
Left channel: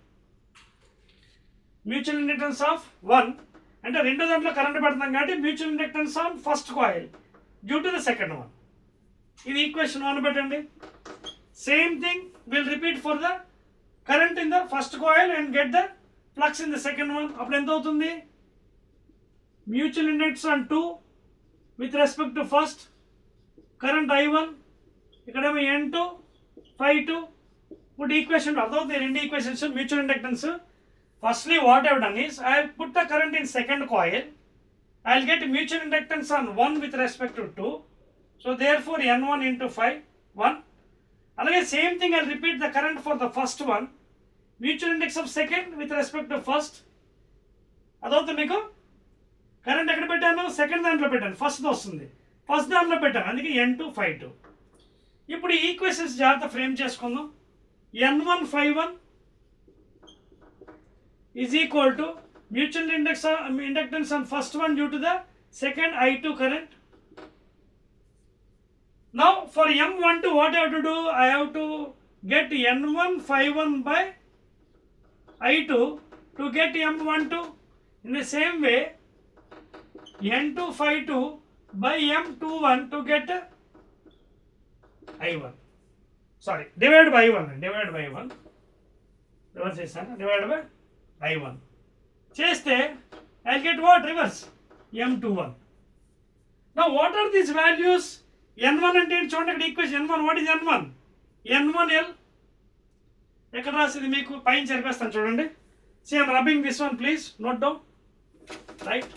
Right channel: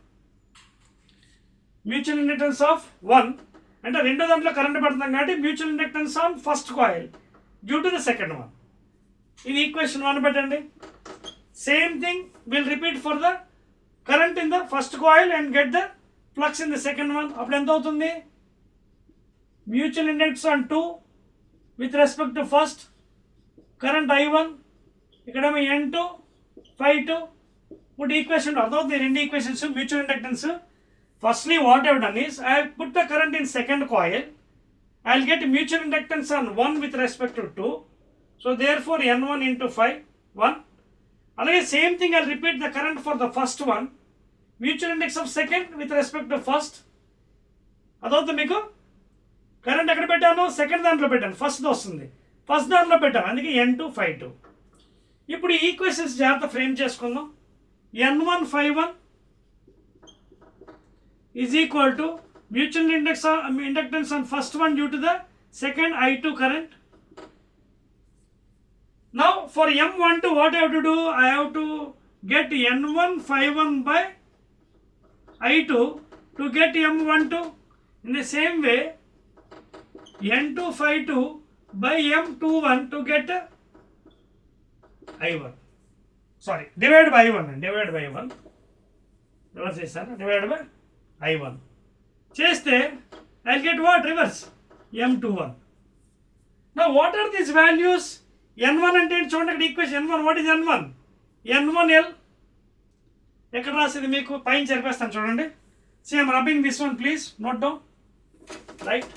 Mutual inductance of 1 అంటే రెండో దాంట్లో current పెడతాం కాబట్టి mutual inductance on first coil due to the second one. ఇది equation 1 పెట్టండి. Same thing will repeat for the current in the first coil and get the flux in the second one. అప్పుడు ఎంత అవుతుంది? Mutual inductance on 2 with respect to first, current I1, ఇక్కడేమో N2 phi2. ఇప్పుడు ఈక్వేషన్ అర్థమవుతుంది, రెండు equations mutual inductance. Firstly, what I have done is I have put the current in second coil. I will get mutual inductance on 1 with respect to 2. So therefore N1 into phi 1. Again same thing I will repeat the current for the first one. Mutual index of second with respect to first. అదవుతుంది మీకు. కరెంట్ ఎక్కడ పెట్టాను? సెకండ్ దాంట్లో పెట్టాను. ఫస్ట్ వస్తుంది, ఫస్ట్ దాంట్లో పెట్టాను, అందుకే N2 phi2. ఇప్పుడు ఈ ఈక్వేషన్స్ జాగ్రత్త ఫ్రేమ్ చేసుకుందాం. N1 phi1 is equal to mutual inductance on first one due to the second I2 current. Now for M12 what I have to do? I have to get N1 phi1 by I2 to get M12. In the same way N2 phi2 by M21 to get I1. Sorry, divided by I1. Reverse చేశాను, divide by I1 చేస్తే I get what reverse M21. నా what are these values? N1 అంటే ఏంటి చూడండి, ఇక్కడ equation N1. What is N1? N1L ఎక్కడ రాసింది మీకు? పైన జరిపేస్తాను చూడండి. Same rubbing this one please note down. Right,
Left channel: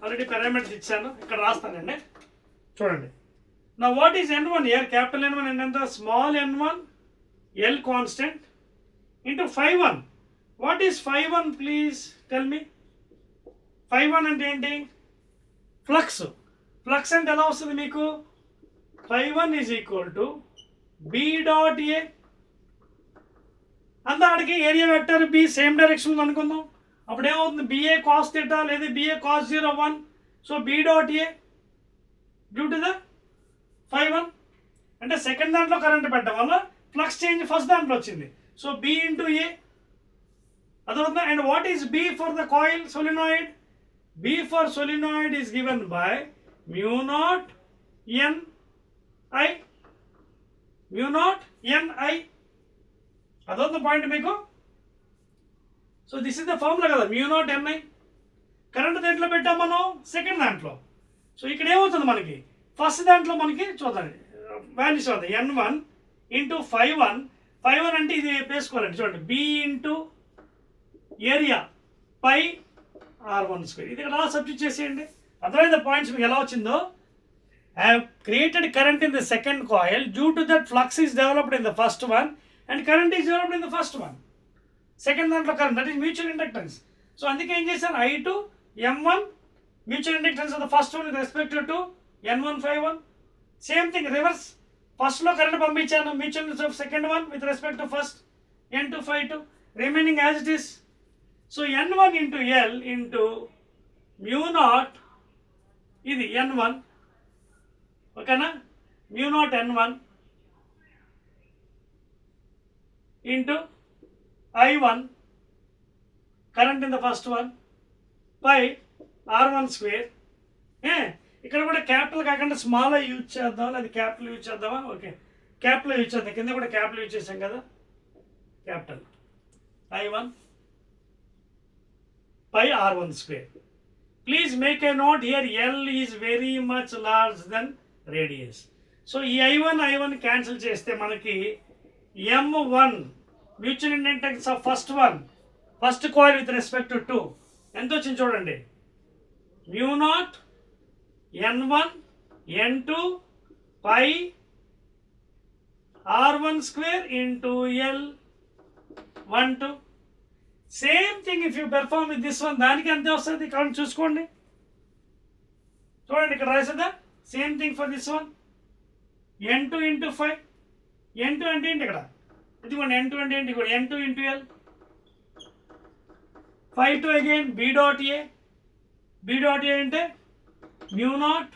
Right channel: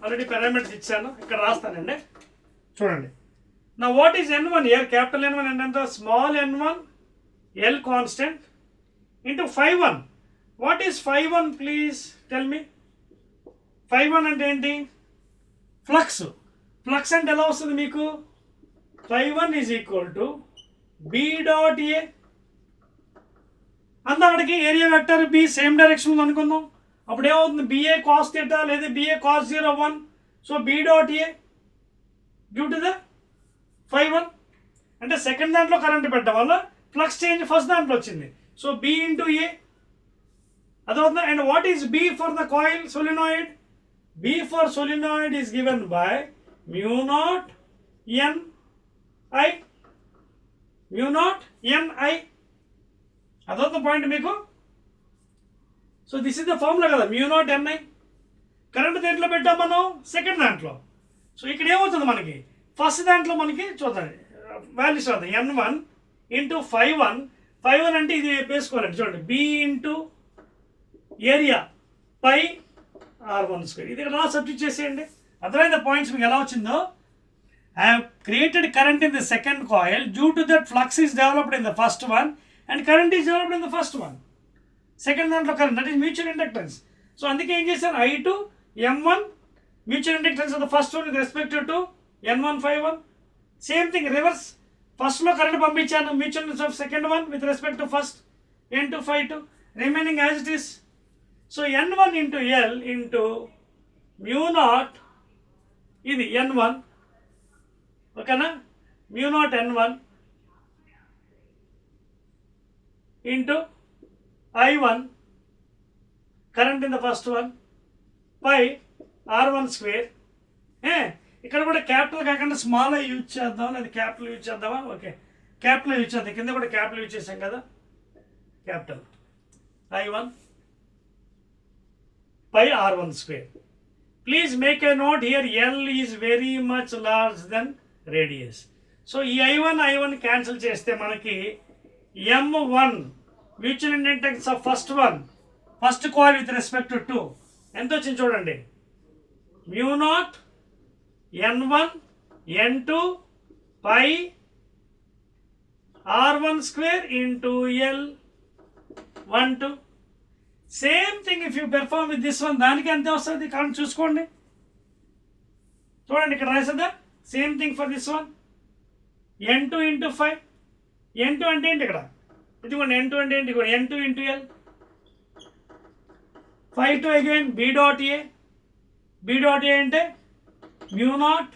already parameters ఇచ్చాను, ఇక్కడ రాస్తానండి చూడండి. నా what is N1 here? Capital N1 అంటే ఎంత? Small n1 L constant into phi1. What is phi1 please tell me? phi1 అంటే ఏంటి? ఫ్లక్స్. ఫ్లక్స్ అంటే ఎలా వస్తుంది మీకు? phi1 is equal to B dot A. అందాడికి area vector B same direction అనుకుందాం. అప్పుడు ఏమవుతుంది? BA cos θ లేదా BA cos 01. So B dot A due to the phi1 అంటే సెకండ్ దాంట్లో కరెంట్ పెట్టడం వల్ల ఫ్లక్స్ చేంజ్ ఫస్ట్ దాంట్లో వచ్చింది. సో B ఇంటూ A అదవుతుంది. అండ్ what is B for the coil solenoid? B for solenoid is given by mu naught Ni. mu naught Ni అదవుతుంది point మీకు. So this is the formula కదా, mu naught Ni. Current దేంట్లో పెట్టాం మనం? సెకండ్ దాంట్లో. సో ఇక్కడ ఏమవుతుంది మనకి? ఫస్ట్ దాంట్లో మనకి చూద్దాం వాల్యూస్ అవుతాయి. N1 into phi1. phi1 అంటే ఇది వేసుకోవాలండి చూడండి, B ఇంటూ ఏరియా పై R1². ఇది ఇక్కడ సబ్స్టిట్యూట్ చేసేయండి. అర్థమైంది పాయింట్స్ మీకు ఎలా వచ్చిందో? I have created current in the second coil. Due to that, flux is developed in the first one and current is developed in the first one. Second దాంట్లో current, that is mutual inductance. So అందుకే ఏం చేశాను? I2 M1 mutual inductance of the first one with respect to N1 phi1. Same thing reverse. First లో కరెంట్ పంపించాను, mutual inductance of second one with respect to first N2 phi2 remaining as it is. So N1 into L into mu naught ఇది N1, ఓకేనా? mu naught N1 into I1 current in the first one by R1². ఇక్కడ కూడా క్యాపిటల్ కాకుండా small use చేద్దాం, అది capital use చేద్దామా? Okay, capital use చేద్దాం. కింద కూడా క్యాపిటల్ యూజ్ చేసాం కదా, capital I1 by R1². Please make a note here, L is very much large than radius. So ఈ I1 క్యాన్సిల్ చేస్తే మనకి M1 mutual inductance of first coil with respect to 2 ఎంత వచ్చింది చూడండి, mu naught N1 N2 pi R1² into L12. Same thing if you perform with this one, దానికి ఎంత వస్తుంది count చూసుకోండి. చూడండి ఇక్కడ రాసేదా, same thing for this one N2 into 5. N2 అంటే ఏంటి ఇక్కడ? ఇదిగోండి N2 అంటే ఏంటి? N2 into L. phi2 again B dot A. B dot A అంటే mu naught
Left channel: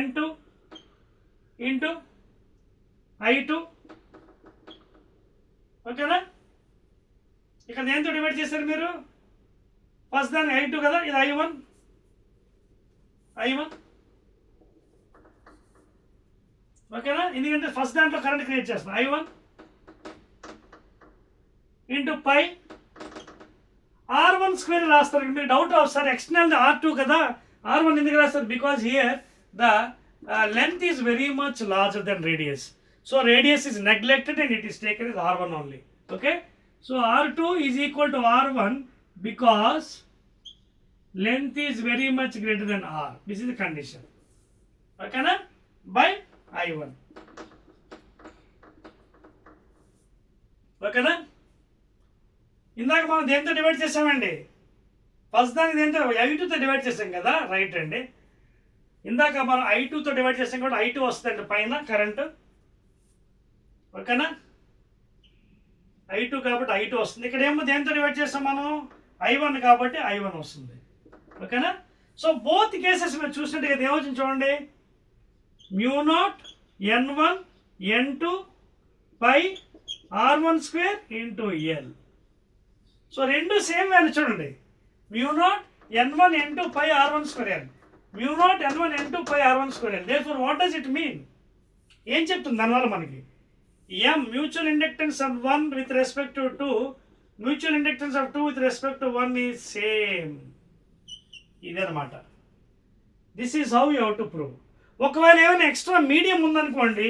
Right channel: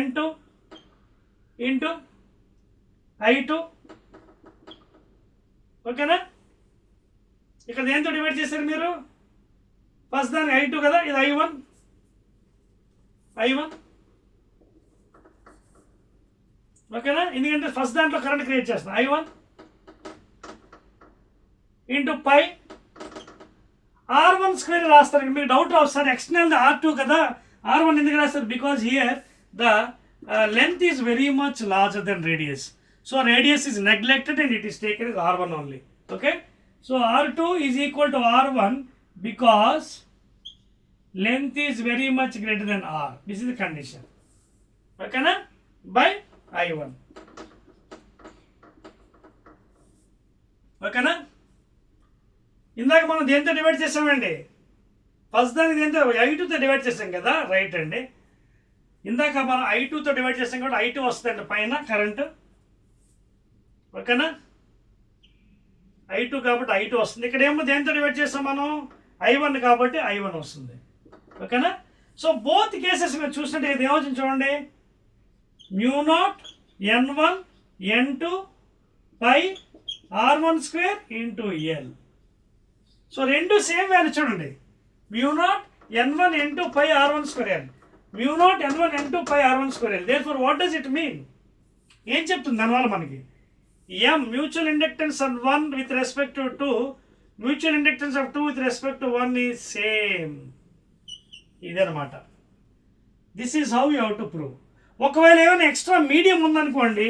N2 into I2. ఓకేనా? ఇక్కడ దేంతో డివైడ్ చేశారు మీరు? ఫస్ట్ దాన్ని I2 కదా, ఇది I1. ఓకేనా? ఎందుకంటే ఫస్ట్ దాంట్లో కరెంట్ క్రియేట్ చేస్తాం. I1 ఇంటూ పై R1² రాస్తారు. మీకు డౌట్ వస్తారు, ఎక్స్టర్నల్ R2 కదా, R1 ఎందుకు రాస్తారు? Because here the length is very much larger than radius. So radius is neglected and it is taken as R1 only. Okay, so R2 is equal to R1 because length is very much greater than R. This is the condition. ఓకేనా? By I1. ఓకేనా? ఇందాక మనం దేంతో డివైడ్ చేసామండి? ఫస్ట్ దానికి దేంతో? I2తో డివైడ్ చేసాం కదా, రైట్ అండి. ఇందాక మనం I2తో డివైడ్ చేసాం కాబట్టి I2 వస్తుందండి పైన కరెంట్. ఓకేనా? I2 కాబట్టి I2 వస్తుంది. ఇక్కడ ఏమో దేంతో డివైడ్ చేస్తాం మనం? I1 కాబట్టి I1 వస్తుంది. ఓకేనా? సో బోత్ కేసెస్ మీరు చూసినట్టు ఇది ఏమవుతుంది చూడండి, mu naught N1 N2 pi R1² into L. So రెండు సేమ్ వాల్యూ చూడండి, mu naught N1 N2 pi R1². mu naught N1 N2 pi R1². therefore what does it mean? ఏం చెప్తుంది దానివల్ల మనకి? M, mutual inductance of 1 with respect to 2, mutual inductance of 2 with respect to 1 is same. ఇదన్నమాట. This is how you have to prove. ఒకవేళ ఏమైనా extra medium ఉందనుకోండి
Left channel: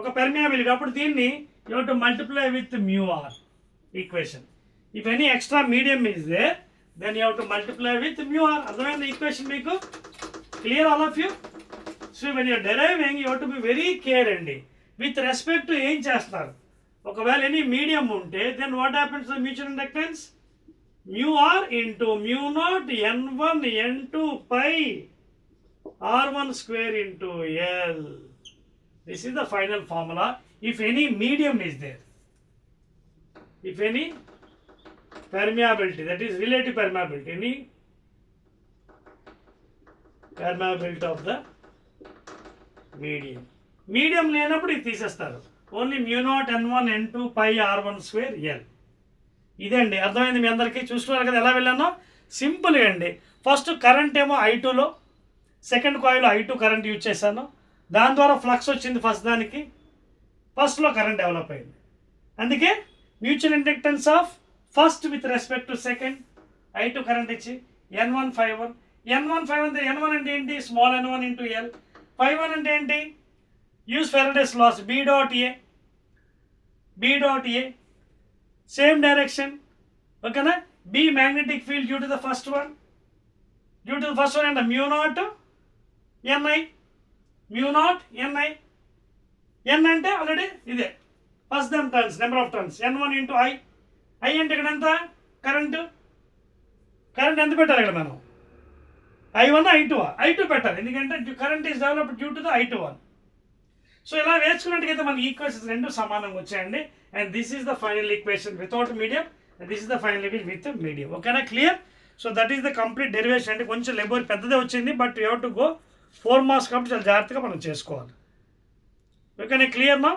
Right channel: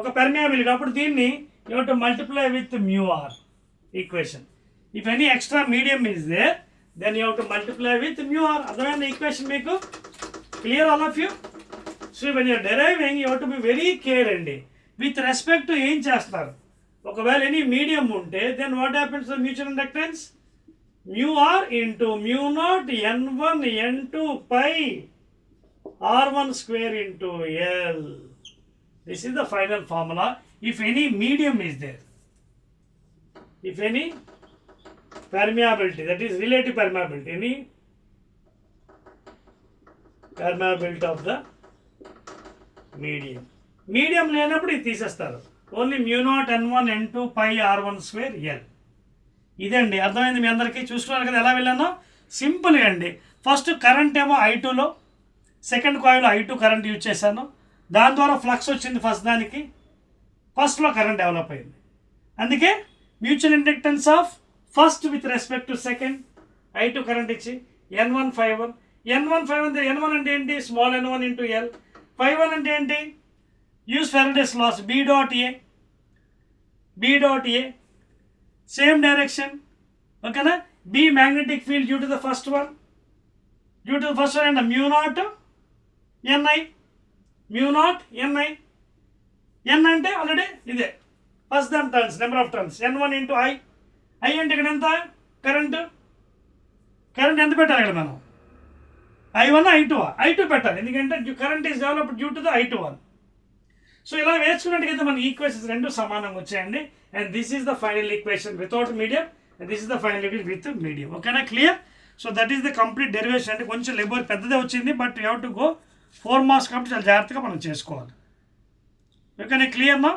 ఒక permeability, అప్పుడు దీన్ని you have to multiply with mu r equation. If any extra medium is there then you have to multiply with mu r. అర్థమైంది equation మీకు? Clear all of you? So when you're deriving you have to be very care అండి with respect to ఏం చేస్తారు. ఒకవేళ any medium ఉంటే then what happens to mutual inductance? Mu r into mu naught n1 n2 pi r1 square into L. This is the final formula if any medium is there. If any permeability, that is relative permeability, any permeability of the medium. Medium లేనప్పుడు ఇది తీసేస్తారు. Only mu naught n1 n2 pi r1 square L. ఇదండి. అర్థమైంది మీ అందరికీ? చూస్తున్నారు కదా ఎలా వెళ్ళానో? సింపుల్గా అండి. ఫస్ట్ కరెంట్ ఏమో I2లో, సెకండ్ కాయిల్లో I2 కరెంట్ యూజ్ చేశాను. దాని ద్వారా ఫ్లక్స్ వచ్చింది ఫస్ట్ దానికి, ఫస్ట్లో కరెంట్ డెవలప్ అయింది. అందుకే mutual inductance of first with respect to second I2 current ఇచ్చి n1 ∅1. n1 అంటే ఏంటి? Small n1 into L. ∅1 అంటే ఏంటి? Use Faraday's laws B dot A same direction. ఓకేనా? B magnetic field due to the first one and mu naught Ni. N అంటే already ఇదే first దాని turns, number of turns. n1 into I అంటే ఇక్కడ ఎంత? కరెంట్ ఎంత పెట్టాలి ఇక్కడ మనం? I1 I2 పెట్టాలి, ఎందుకంటే current is developed due to the I2. సో ఇలా వేసుకున్నట్టుగైతే మన ఈక్వేషన్స్ రెండు సమానంగా వచ్చాయండి. And this is the final equation without medium and this is the final equation with medium. ఓకేనా? Clear? So that is the complete derivation. అంటే కొంచెం లెబర్ పెద్దదే వచ్చింది, but you have to go 4 marks కాబట్టి చాలా జాగ్రత్తగా మనం చేసుకోవాలి. ఓకేనా? క్లియర్ మా?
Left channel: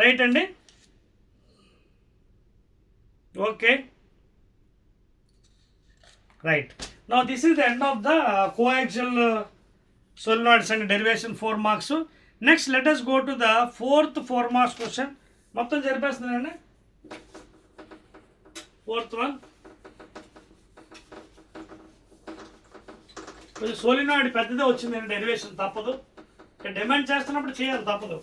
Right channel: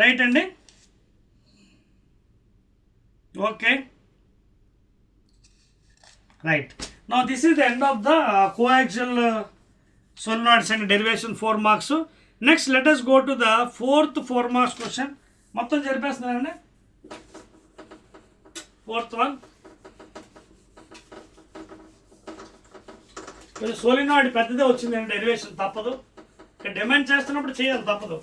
రైట్ అండి. Okay, right. Now this is the end of the coaxial solenoids and derivation 4 marks. Next let us go to the fourth 4 marks question. మొత్తం జరిపేస్తున్నానండి. ఫోర్త్ వన్ కొంచెం సోలినాయిడ్ పెద్దదే వచ్చిందండి, డెరివేషన్ తప్పదు. డిమాండ్ చేస్తున్నప్పుడు చేయాలి, తప్పదు.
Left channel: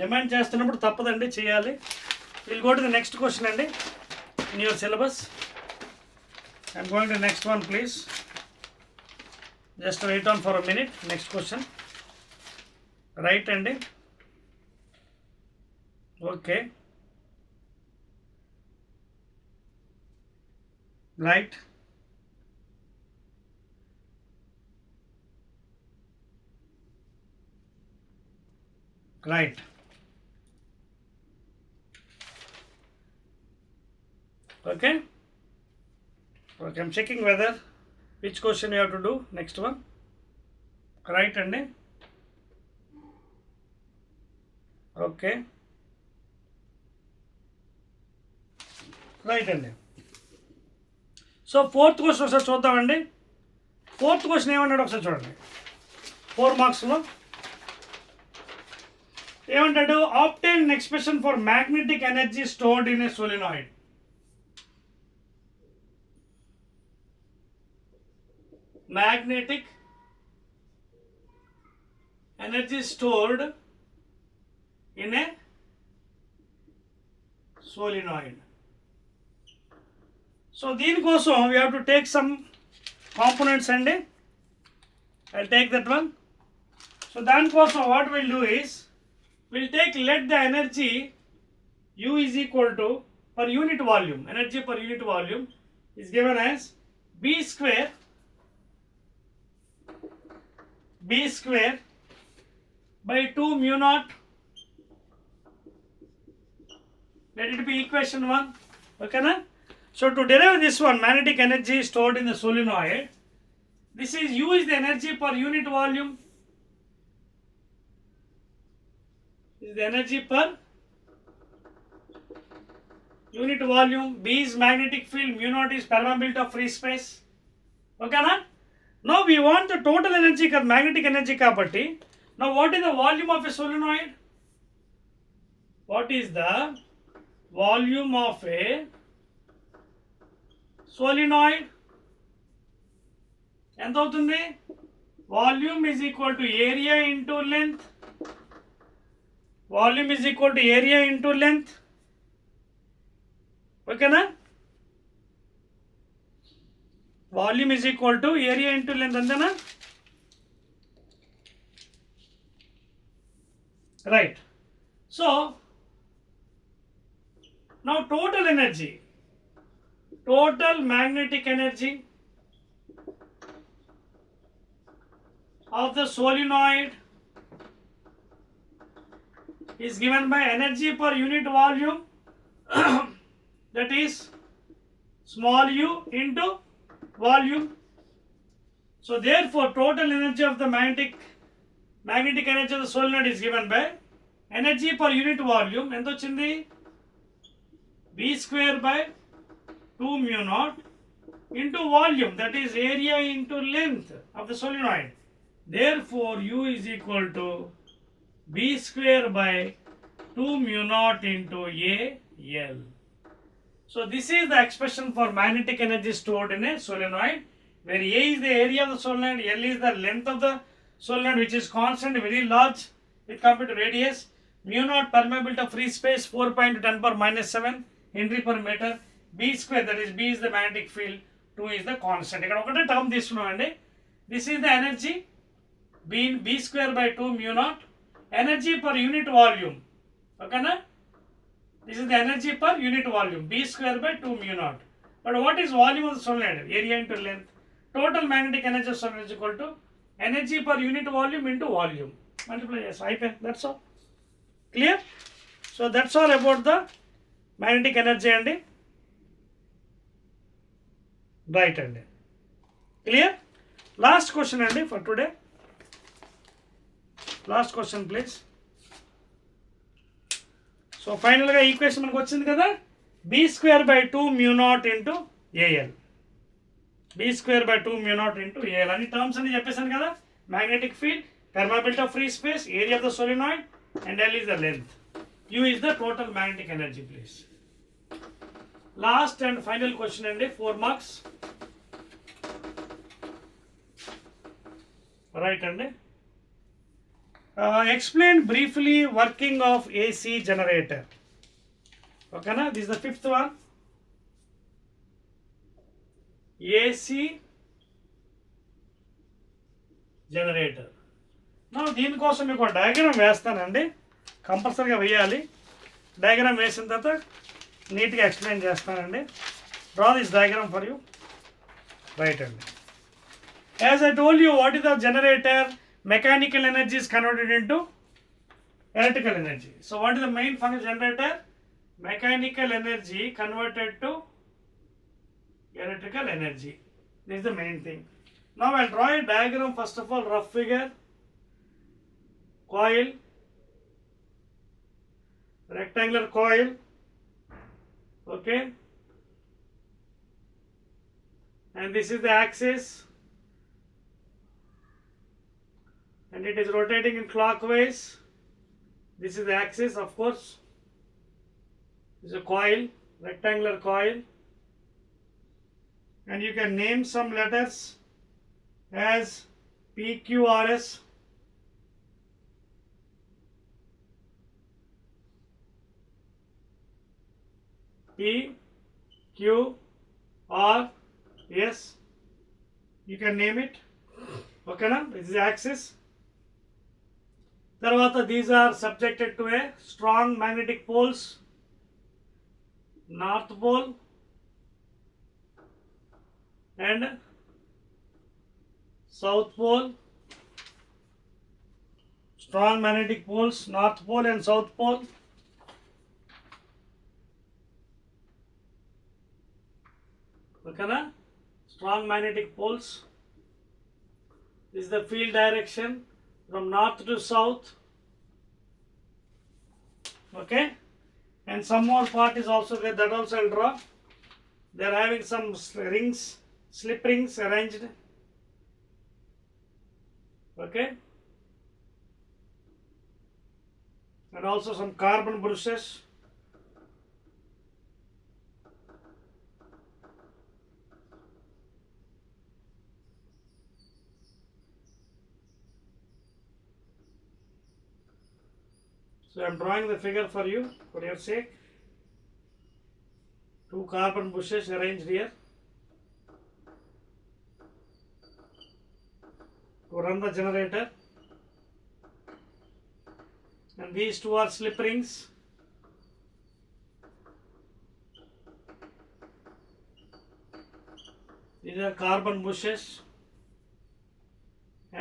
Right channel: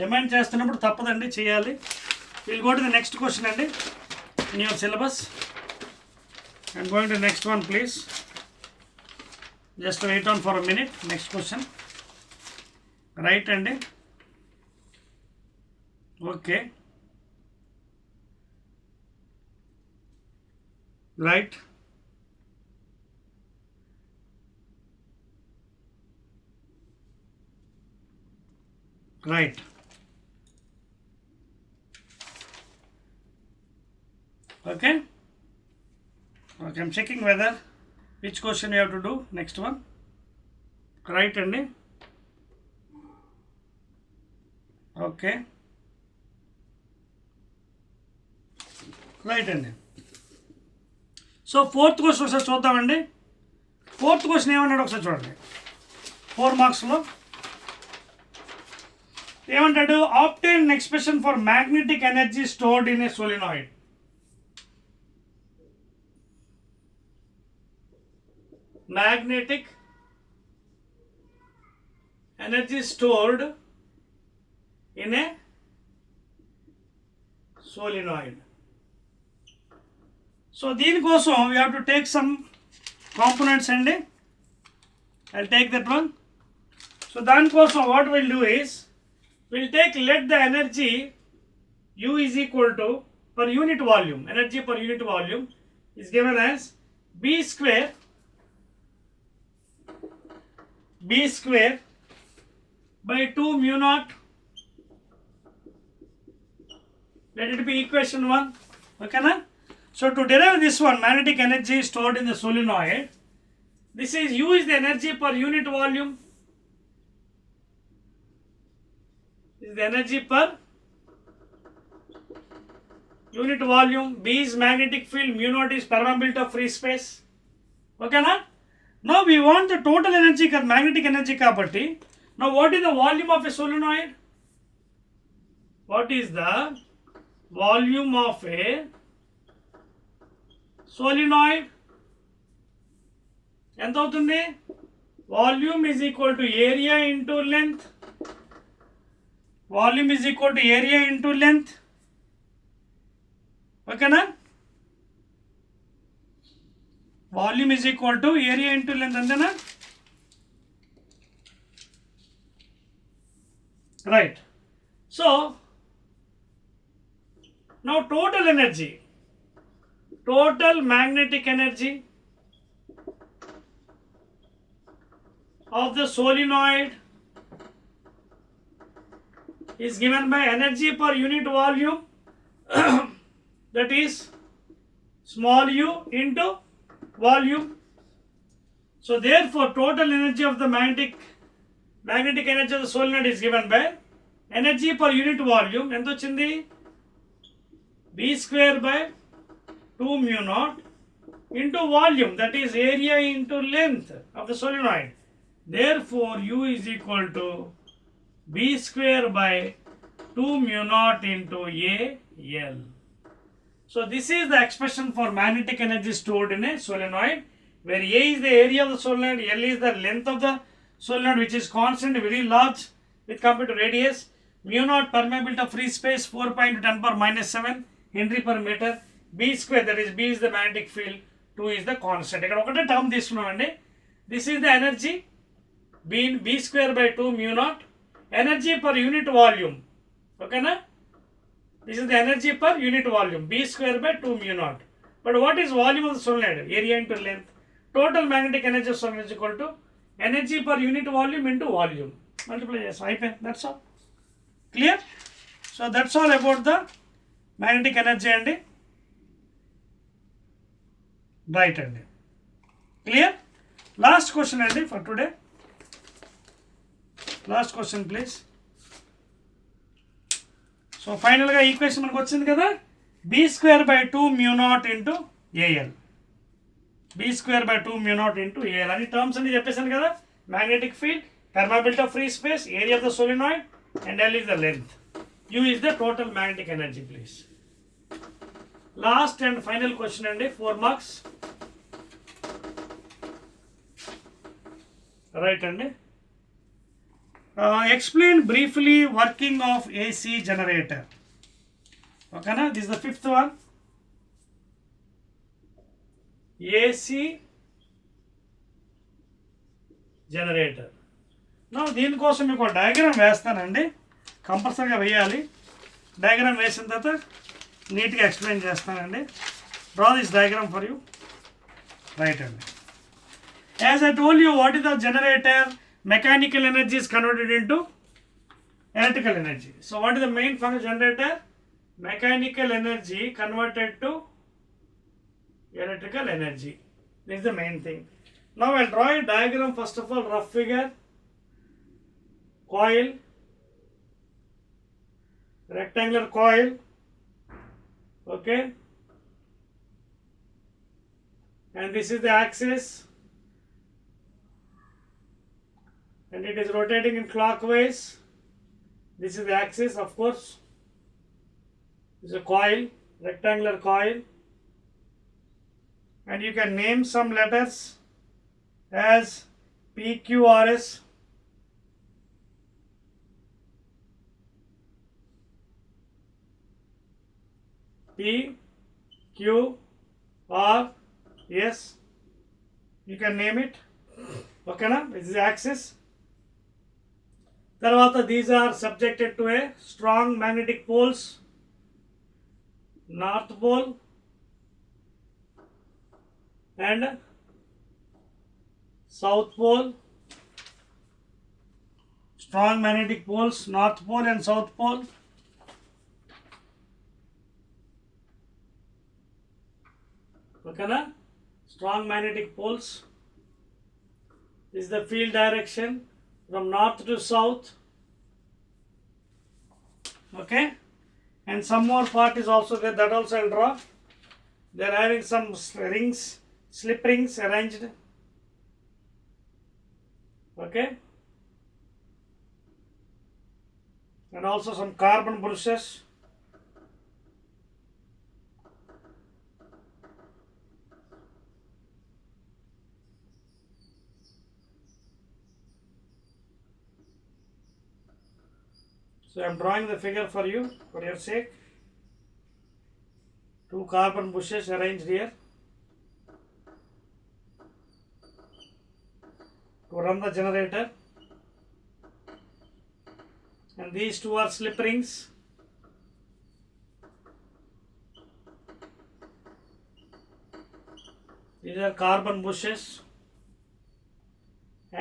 డిమాండ్ చేస్తున్నప్పుడు తప్పదండి, చేయాలి. Will go to the next question అండి in your syllabus. I'm going to next one please. Just wait on for a minute. Next question right అండి. Okay, right. Right. Okay, I'm checking whether which question you have to do. Next one, right andi. Okay, right andi. So fourth question ఒకసారి చూద్దామండి. Fourth question ఏమన్నాడు ఒకసారి చూడండి. 4 మార్క్స్లో ఏమంటాడు? ఆబ్టైన్ an expression for magnetic energy stored in a solenoid. Magnetic energy stored in a solenoid. So దీనికోసం we have to take some components అండి. I'll take that one. So దానికోసం what we'll do is we'll take, let the energy U is equal to, per unit volume, energy per unit volume is given as B square by 2 mu naught. Let it be equation 1. Okay na? So to derive this one, magnetic energy stored in the solenoid, this is U is the energy per unit volume. This is the energy per unit volume, B is magnetic field, mu naught is permeability of free space. Okay na? Now we want the total energy, magnetic energy kabatti. Now what is the volume of a solenoid? What is the volume of a solenoid? ఎంత అవుతుంది? Volume is equal to area into length. Volume is equal to area into length. Okay na? Volume is equal to area into length, andena? Right. So now total energy, total magnetic energy of the solenoid is given by energy per unit volume that is small u into volume. So therefore total energy of the magnetic energy of the solenoid is given by energy per unit volume. ఎంత వచ్చింది? B square by 2 mu naught into volume, that is area into length of the solenoid. Therefore U is equal to B square by 2 mu naught into AL. So this is the expression for magnetic energy stored in a solenoid, where A is the area of the solenoid, L is the length of the solenoid, which is constant, very large with compared to radius. Mu naught permeability of free space 4.10⁻⁷ Henry per meter. B square, that is B is the magnetic field, 2 is the constant. ఇక్కడ ఒకటే టర్మ్ తీసుకున్నామండి. This is the energy B square by 2 mu naught, energy per unit volume. Okay na? This is the energy per unit volume, B square by 2 mu naught. But what is volume of the solenoid? Area into length. Total magnetic energy of solenoid is equal to energy per unit volume into volume. Multiply, yes, IPE, that's all. Clear? So that's all about the magnetic energy and right and clear. Last question and for today. Last question please. So final ga equation మనకు వచ్చింది కదా, B square by 2 mu naught into AL. B square by 2 mu naught into AL అని టర్మ్స్ అన్ని చెప్పేసాను కదా. Magnetic field, permeability of free space, area of the solenoid, and L is the length. U is the total magnetic energy please. Last and final question and 4 marks. Right and explain briefly working of AC generator. Okay na? This is the 5th one. AC generator. Now దీనికోసం మీకు ఒక డయాగ్రామ్ వేస్తానండి, కంపల్సరీగా వేయాలి. డయాగ్రామ్ వేసిన తర్వాత నీట్గా ఎక్స్ప్లెయిన్ చేస్తానండి. Draw this diagram for you. Right అండి. As I told you, what is the generator? Mechanical energy is converted into electrical energy. So what is the main function of generator? Mechanical energy converted to electrical energy. This is the main thing. Now I'll draw a diagram, first of all, rough figure. Coil, rectangular coil, okay, and this is the axis, and it is rotating in clockwise. This is the axis, of course. This is a coil, rectangular coil, and you can name some letters as P, Q, R, S. P, Q, R, S. You can name it. Okay na? This is the axis. Tarvata, these are subjected to a strong magnetic poles. North pole and south pole. Strong magnetic poles, north pole and south pole. Okay na? Strong magnetic poles. This is the field direction from north to south. Okay, and and some more part is also there, that also I'll draw. They are having some rings, slip rings arranged. Okay, and also some carbon brushes. So I am drawing the figure for you, for your sake. 2 carbon bushes arranged here to run the generator, and these 2 are slip rings. These are carbon bushes,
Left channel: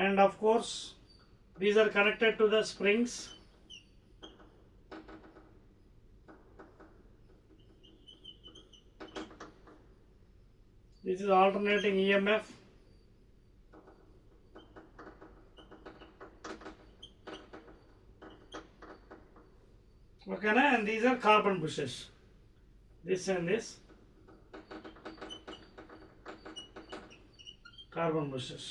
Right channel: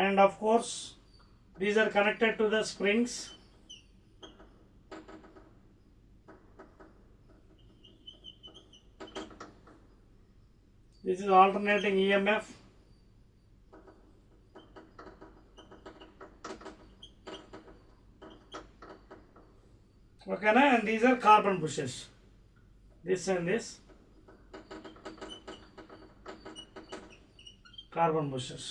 and of course these are connected to the springs. This is alternating EMF. Okay, and these are carbon bushes. This and this carbon bushes.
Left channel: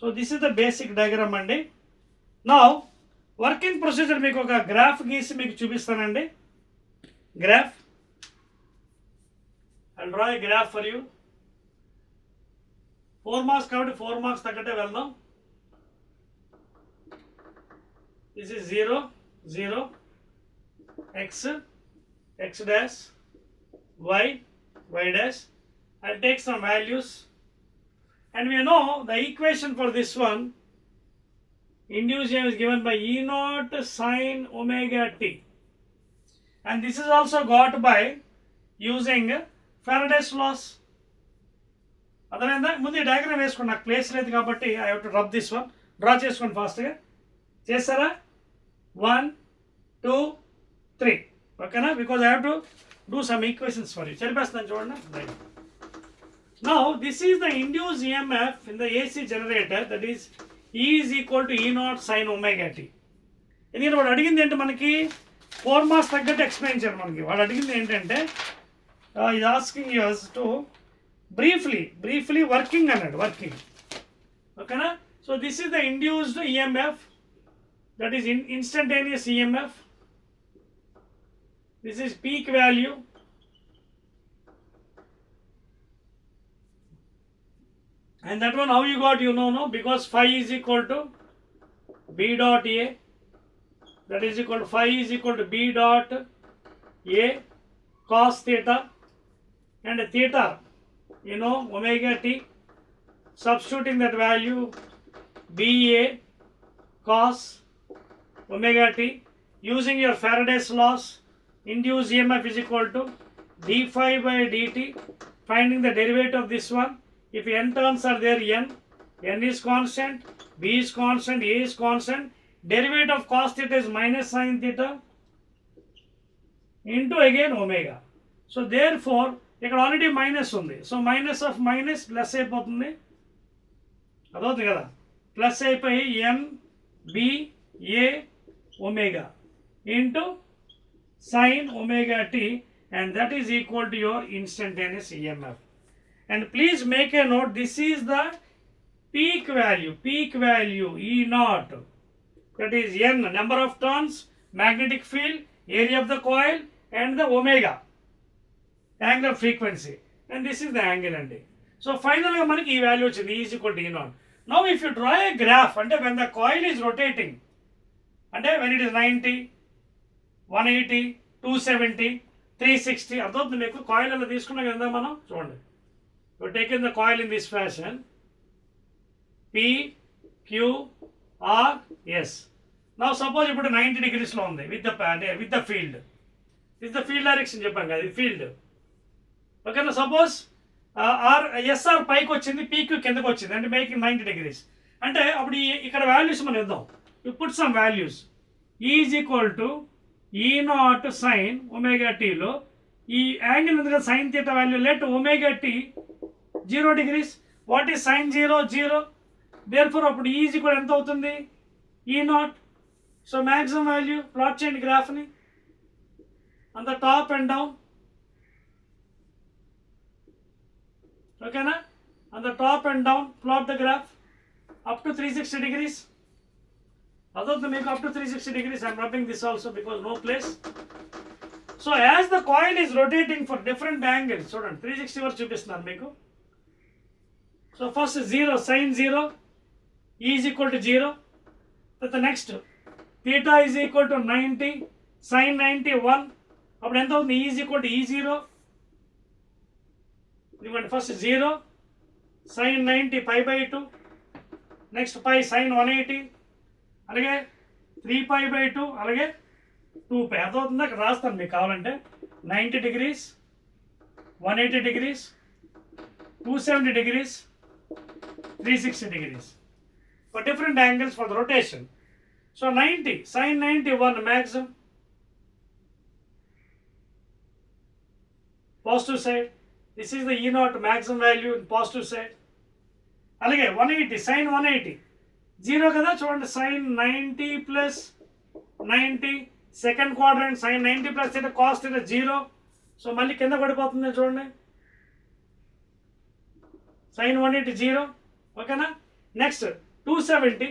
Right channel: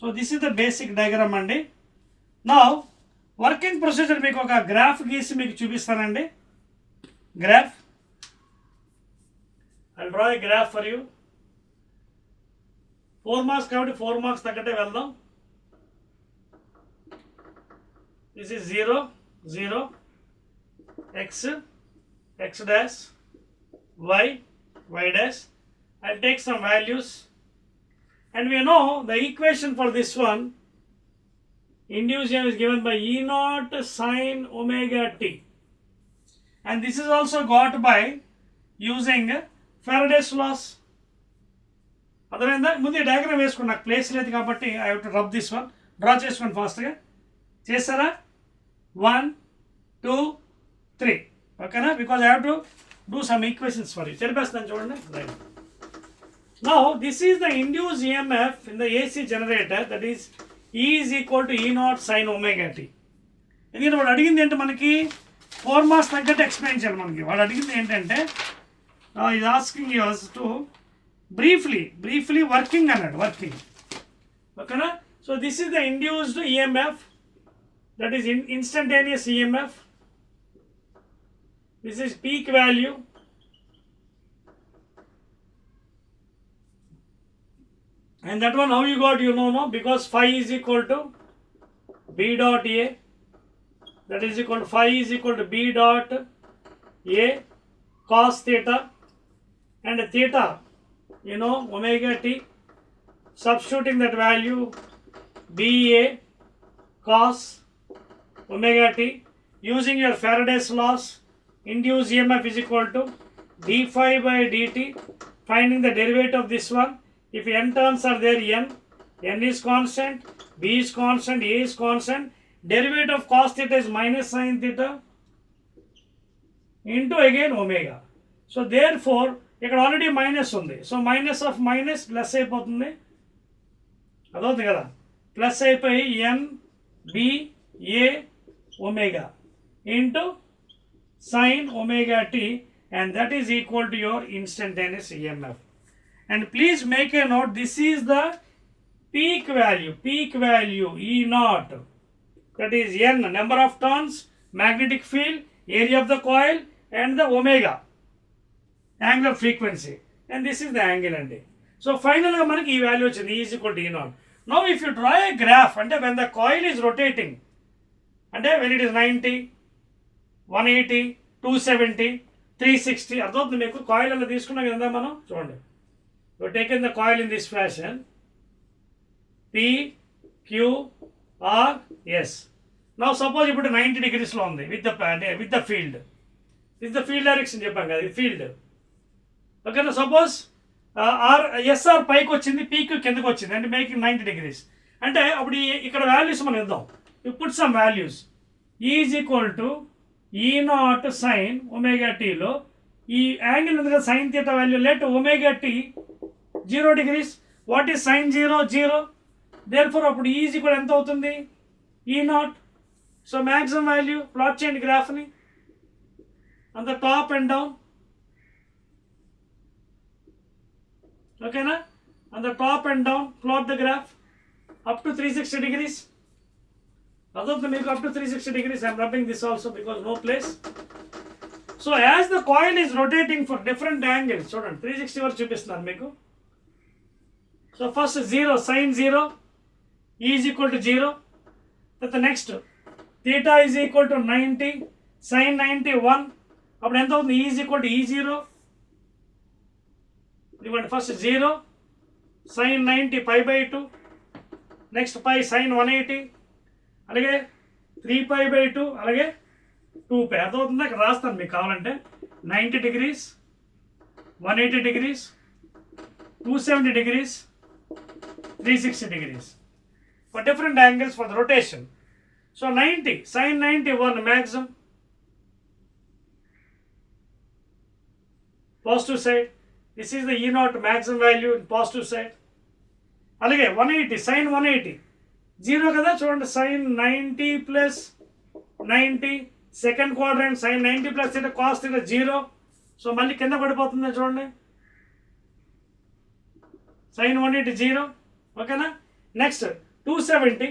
So this is the basic diagram andi. Now working procedure meeku oka graph geesi meeku chupistanandi. Graph, I'll draw a graph for you. 4 marks kabatti 4 marks taggate veldam. This is 0, 0, x, x dash, y, y dash. I'll take some values, and we know the equation for this one, induced EMF is given by E naught sine omega t, and this is also got by using Faraday's laws. అర్థమైందా? ముందు డయాగ్రామ్ వేసుకోండి, నాకు ప్లేస్ లేదు కాబట్టి I have to rub this one. Draw చేసుకోండి ఫాస్ట్గా. చేస్తారా? 1, 2, 3. ఓకేనా? Because I have to do some equations for you. చెప్పేస్తాను చూడండి. Right. Now this is the induced EMF in the AC generator, that is E is equal to E naught sin omega t. ఎందుకంటే వాడు అడిగింది ఏంటి, మనకి 4 మార్క్స్ తగ్గట్టు ఎక్స్ప్లెయిన్ చేయాలి. మనకి వాడు అడిగింది ఏంటంటే is asking us to briefly working అన్నాడు. వర్కింగ్. ఓకేనా? So this is the induced EMF, that is instantaneous EMF. This is peak value. And that one how you got, you know, no? Because phi is equal to B dot A. That is equal to phi is equal to B dot A cos theta. And theta, you know, omega t. Substituting that value, BA cos omega t. Using your Faraday's laws, induced EMF is equal to d phi by dt. Finding the derivative of this one. If n terms are there, n is constant, b is constant, a is constant. Derivative of cos theta is minus sin theta into again omega. So therefore, ఇక్కడ already minus ఉంది. So minus of minus plus అయిపోతుంది. అదవుతుంది కదా, plus అయిపోయి N B A omega into sine omega T, and that is equal to your instantaneous EMF. And please make a note, this is the peak value E naught, that is n, number of turns, magnetic field, area of the coil, and the omega, angular frequency, and this is the angle andi. So finally manaki ee value vachindi, E is equal to E naught. Now if you draw a graph, ante when the coil is rotating, ante when it is 90, 180, 270, 360, అర్థమవుతుంది మీకు? కాయిల్ అలా తీసుకున్నాం కదా మనం. చూడండి, we have taken the coil in this fashion, P, Q, R, S. Now suppose ఇప్పుడు 90 degrees లో ఉంది with the field. This is the field direction చెప్పాం కదా, ఇది field. ఓకేనా? సపోజ్ SR పైకి వచ్చింది, PQ కిందకి వచ్చింది, అంటే మేకింగ్ 90 degrees. అంటే అప్పుడు ఇక్కడ వాల్యూస్ మనం ఇద్దాం. You put some values. E is equal to E naught sin omega t లో ఈ యాంగిల్ ఉంది కదా sine theta value, let omega t 0 degrees. What is sine 0? 0. Therefore అప్పుడు ఈజ్ ఈక్వల్ ఎంత అవుతుంది? E naught. So maximum value plot చేయండి గ్రాఫ్ని on the top and down. ఓకేనా, on the top and down plot the graph up to 360 degrees. అదొద్దు మీకు up to 360 degrees. I am rubbing this also because no place. So as the coil is rotating for different angles, చూడండి 360 వరకు చూపిస్తున్నాను మీకు. So first 0, sin 0, E is equal to 0. Then the next theta is equal to 90, sin 90 1. అప్పుడు ఎంత అవుతుంది? E is equal to E0. ఇదిగోండి ఫస్ట్ 0, sin 90 π/2, నెక్స్ట్ π sin 180, అలాగే 3π/2, అలాగే 2π. అర్థమవుతుంది? అక్కడ రాస్తాను మీకు కావాలంటే 90 degrees, 180 degrees, 270 degrees, 360 degrees for different angles for the rotation. So 90, sin 90 1 maximum, positive side. This is the E0 maximum value in positive side. అలాగే 180, sin 180 0 కదా, చూడండి sin 90 plus 90 second quadrant, sin 90 plus theta cos theta 0. సో మళ్ళీ కింద పడిపోతుంది చూడండి, sin 180 0. ఓకేనా, నెక్స్ట్ 270,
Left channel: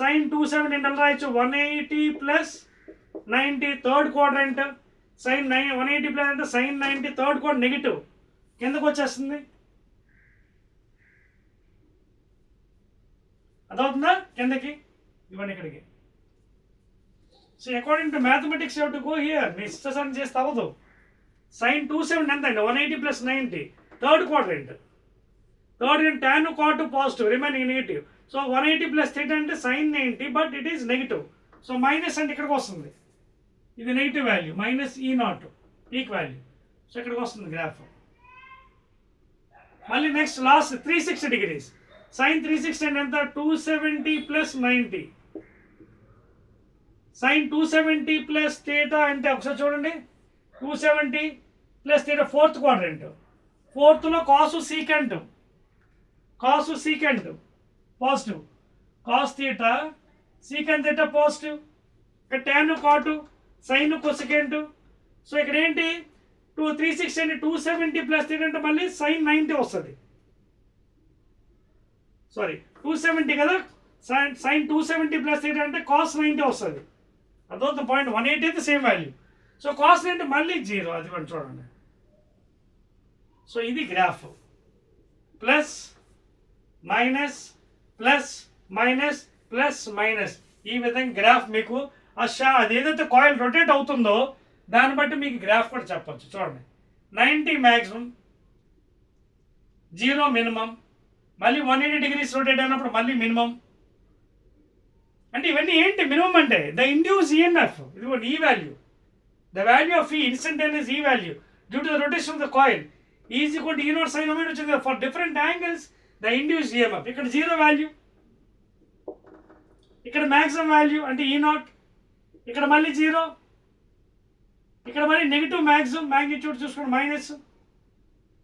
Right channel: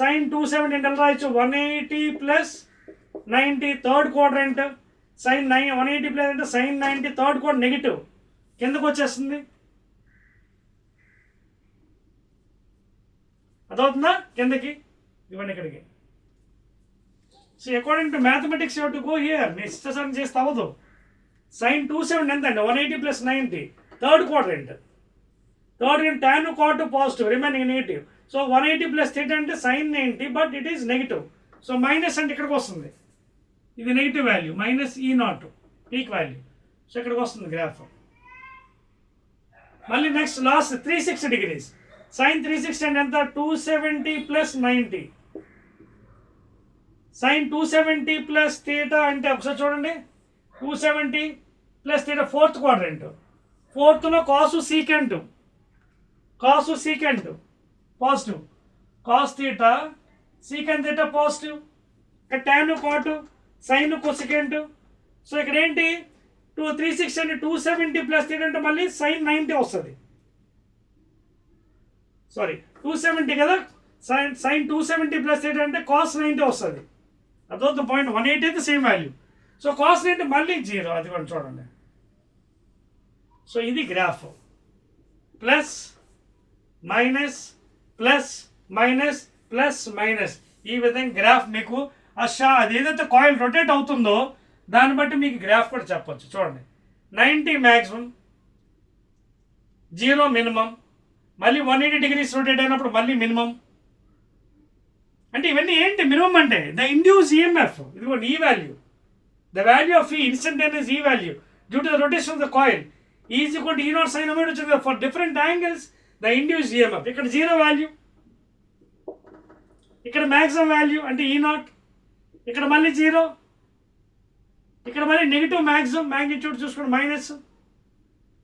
sin 270 ఎంత రాయొచ్చు? 180 plus 90 third quadrant, sin 180 plus అంటే sin 90 థర్డ్ క్వాడ్రంట్ నెగిటివ్, కిందకు వచ్చేస్తుంది. అదవుతుందా? కిందకి ఇవ్వండి ఇక్కడికి. So according to mathematics you have to go here. మీ ఇష్టం చేస్తే అవ్వదు. sin 270 ఎంత అండి? 180 plus 90 third quadrant, tan cot positive, remaining negative. So 180 plus theta అంటే sin 90 but it is negative. So minus అంటే ఇక్కడికి వస్తుంది, ఇది negative value, minus E0 peak value. So ఇక్కడికి వస్తుంది గ్రాఫ్. మళ్ళీ నెక్స్ట్ లాస్ట్ 360 degrees, sin 360 అంటే ఎంత? 270 plus 90, sin 270 plus theta అంటే ఒకసారి చూడండి, 270 plus theta ఫోర్త్ క్వాడ్రంట్, ఫోర్త్లో cos secant positive, cos theta secant theta positive, ఇక్కడ tan cot సైన్ కొసెకెంట్. సో ఇక్కడ ఏంటి? 360 అంటే 270 ప్లస్ థీటా అంటే మళ్ళీ sin 90 వస్తుంది. సారీ 270 కదా, sin 270 ప్లస్ థీటా అంటే cos 90 వస్తుంది. అదొక పాయింట్. 180 అయితే సేమ్ వాల్యూ. సో cos 90 మళ్ళీ 0. అది కూడా చూడండి. సో ఇది graph, plus minus plus minus plus minus, ఈ విధంగా గ్రాఫ్ మీకు అది ఏదైతే కాయిల్ రొటేట్ అవుతుందో దాన్ని బట్టి మీకు గ్రాఫ్ కూడా చెప్పచ్చు. చూడండి 90 మ్యాక్సిమం, 0 మినిమం, మళ్ళీ 180 degrees రొటేట్ అయినప్పుడు మళ్ళీ మినిమం. అంటే ఇవన్నీ ఏంటి మినిమం అంటే? ద ఇండ్యూస్ ఈఎంఎఫ్, ఇదిగోండి ఈ వాల్యూ, ద వాల్యూ ఆఫ్ ఈ ఇన్స్టంటేనియస్ ఈ value due to the rotation of the coil is equal to E0 sin omega వచ్చింది. For different angles the induce EMF, ఇక్కడ 0 వాల్యూ, ఇక్కడ మ్యాక్సిమం వాల్యూ అంటే E0, ఇక్కడ మళ్ళీ 0, ఇక్కడ మళ్ళీ నెగిటివ్ మ్యాక్సిమం, మ్యాగ్నిట్యూడ్ చూసుకోండి మైనస్,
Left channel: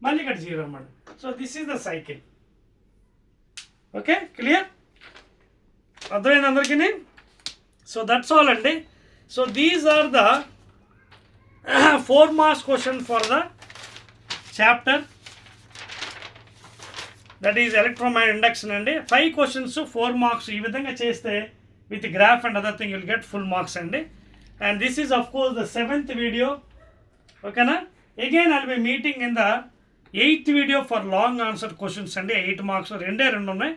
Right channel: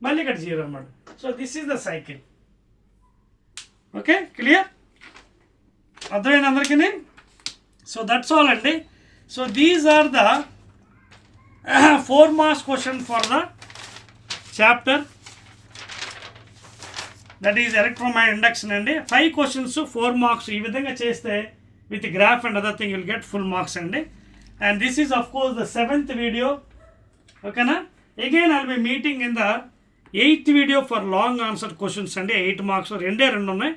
మళ్ళీ ఇక్కడ 0 అనమాట. So this is the cycle. Okay, clear? అర్థమైంది అందరికీ? సో దట్స్ ఆల్ అండి. So these are the 4 marks question for the chapter that is electromagnetic induction అండి. 5 questions 4 marks. ఈ విధంగా చేస్తే with graph and other thing you will get full marks అండి. And this is of course the 7th video. Okay na? Again I will be meeting in the 8th video for long answer questions అండి. 8 marks రెండే ఉన్నాయి.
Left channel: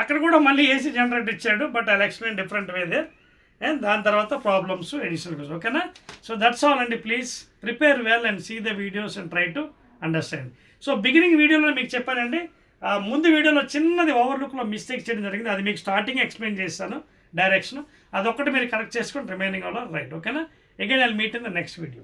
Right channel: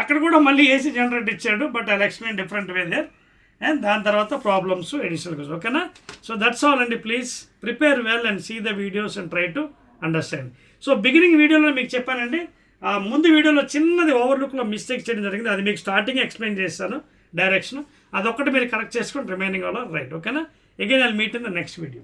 అక్కడ కూడా మళ్ళీ AC generate ఇచ్చాడు, but I explain different way there. And దాని తర్వాత problems additional question. ఓకేనా? సో దట్స్ ఆల్ అండి. Please prepare well and see the videos and try to understand. So beginning వీడియోలో మీకు చెప్పానండి, ముందు వీడియోలో చిన్నది ఓవర్లుక్లో మిస్టేక్ చేయడం జరిగింది. అది మీకు స్టార్టింగ్ ఎక్స్ప్లెయిన్ చేస్తాను డైరెక్షన్. అదొక్కటి మీరు కరెక్ట్ చేసుకొని రిమైనింగ్ ఆల్ రైట్. ఓకేనా? Again I will meet in the next video.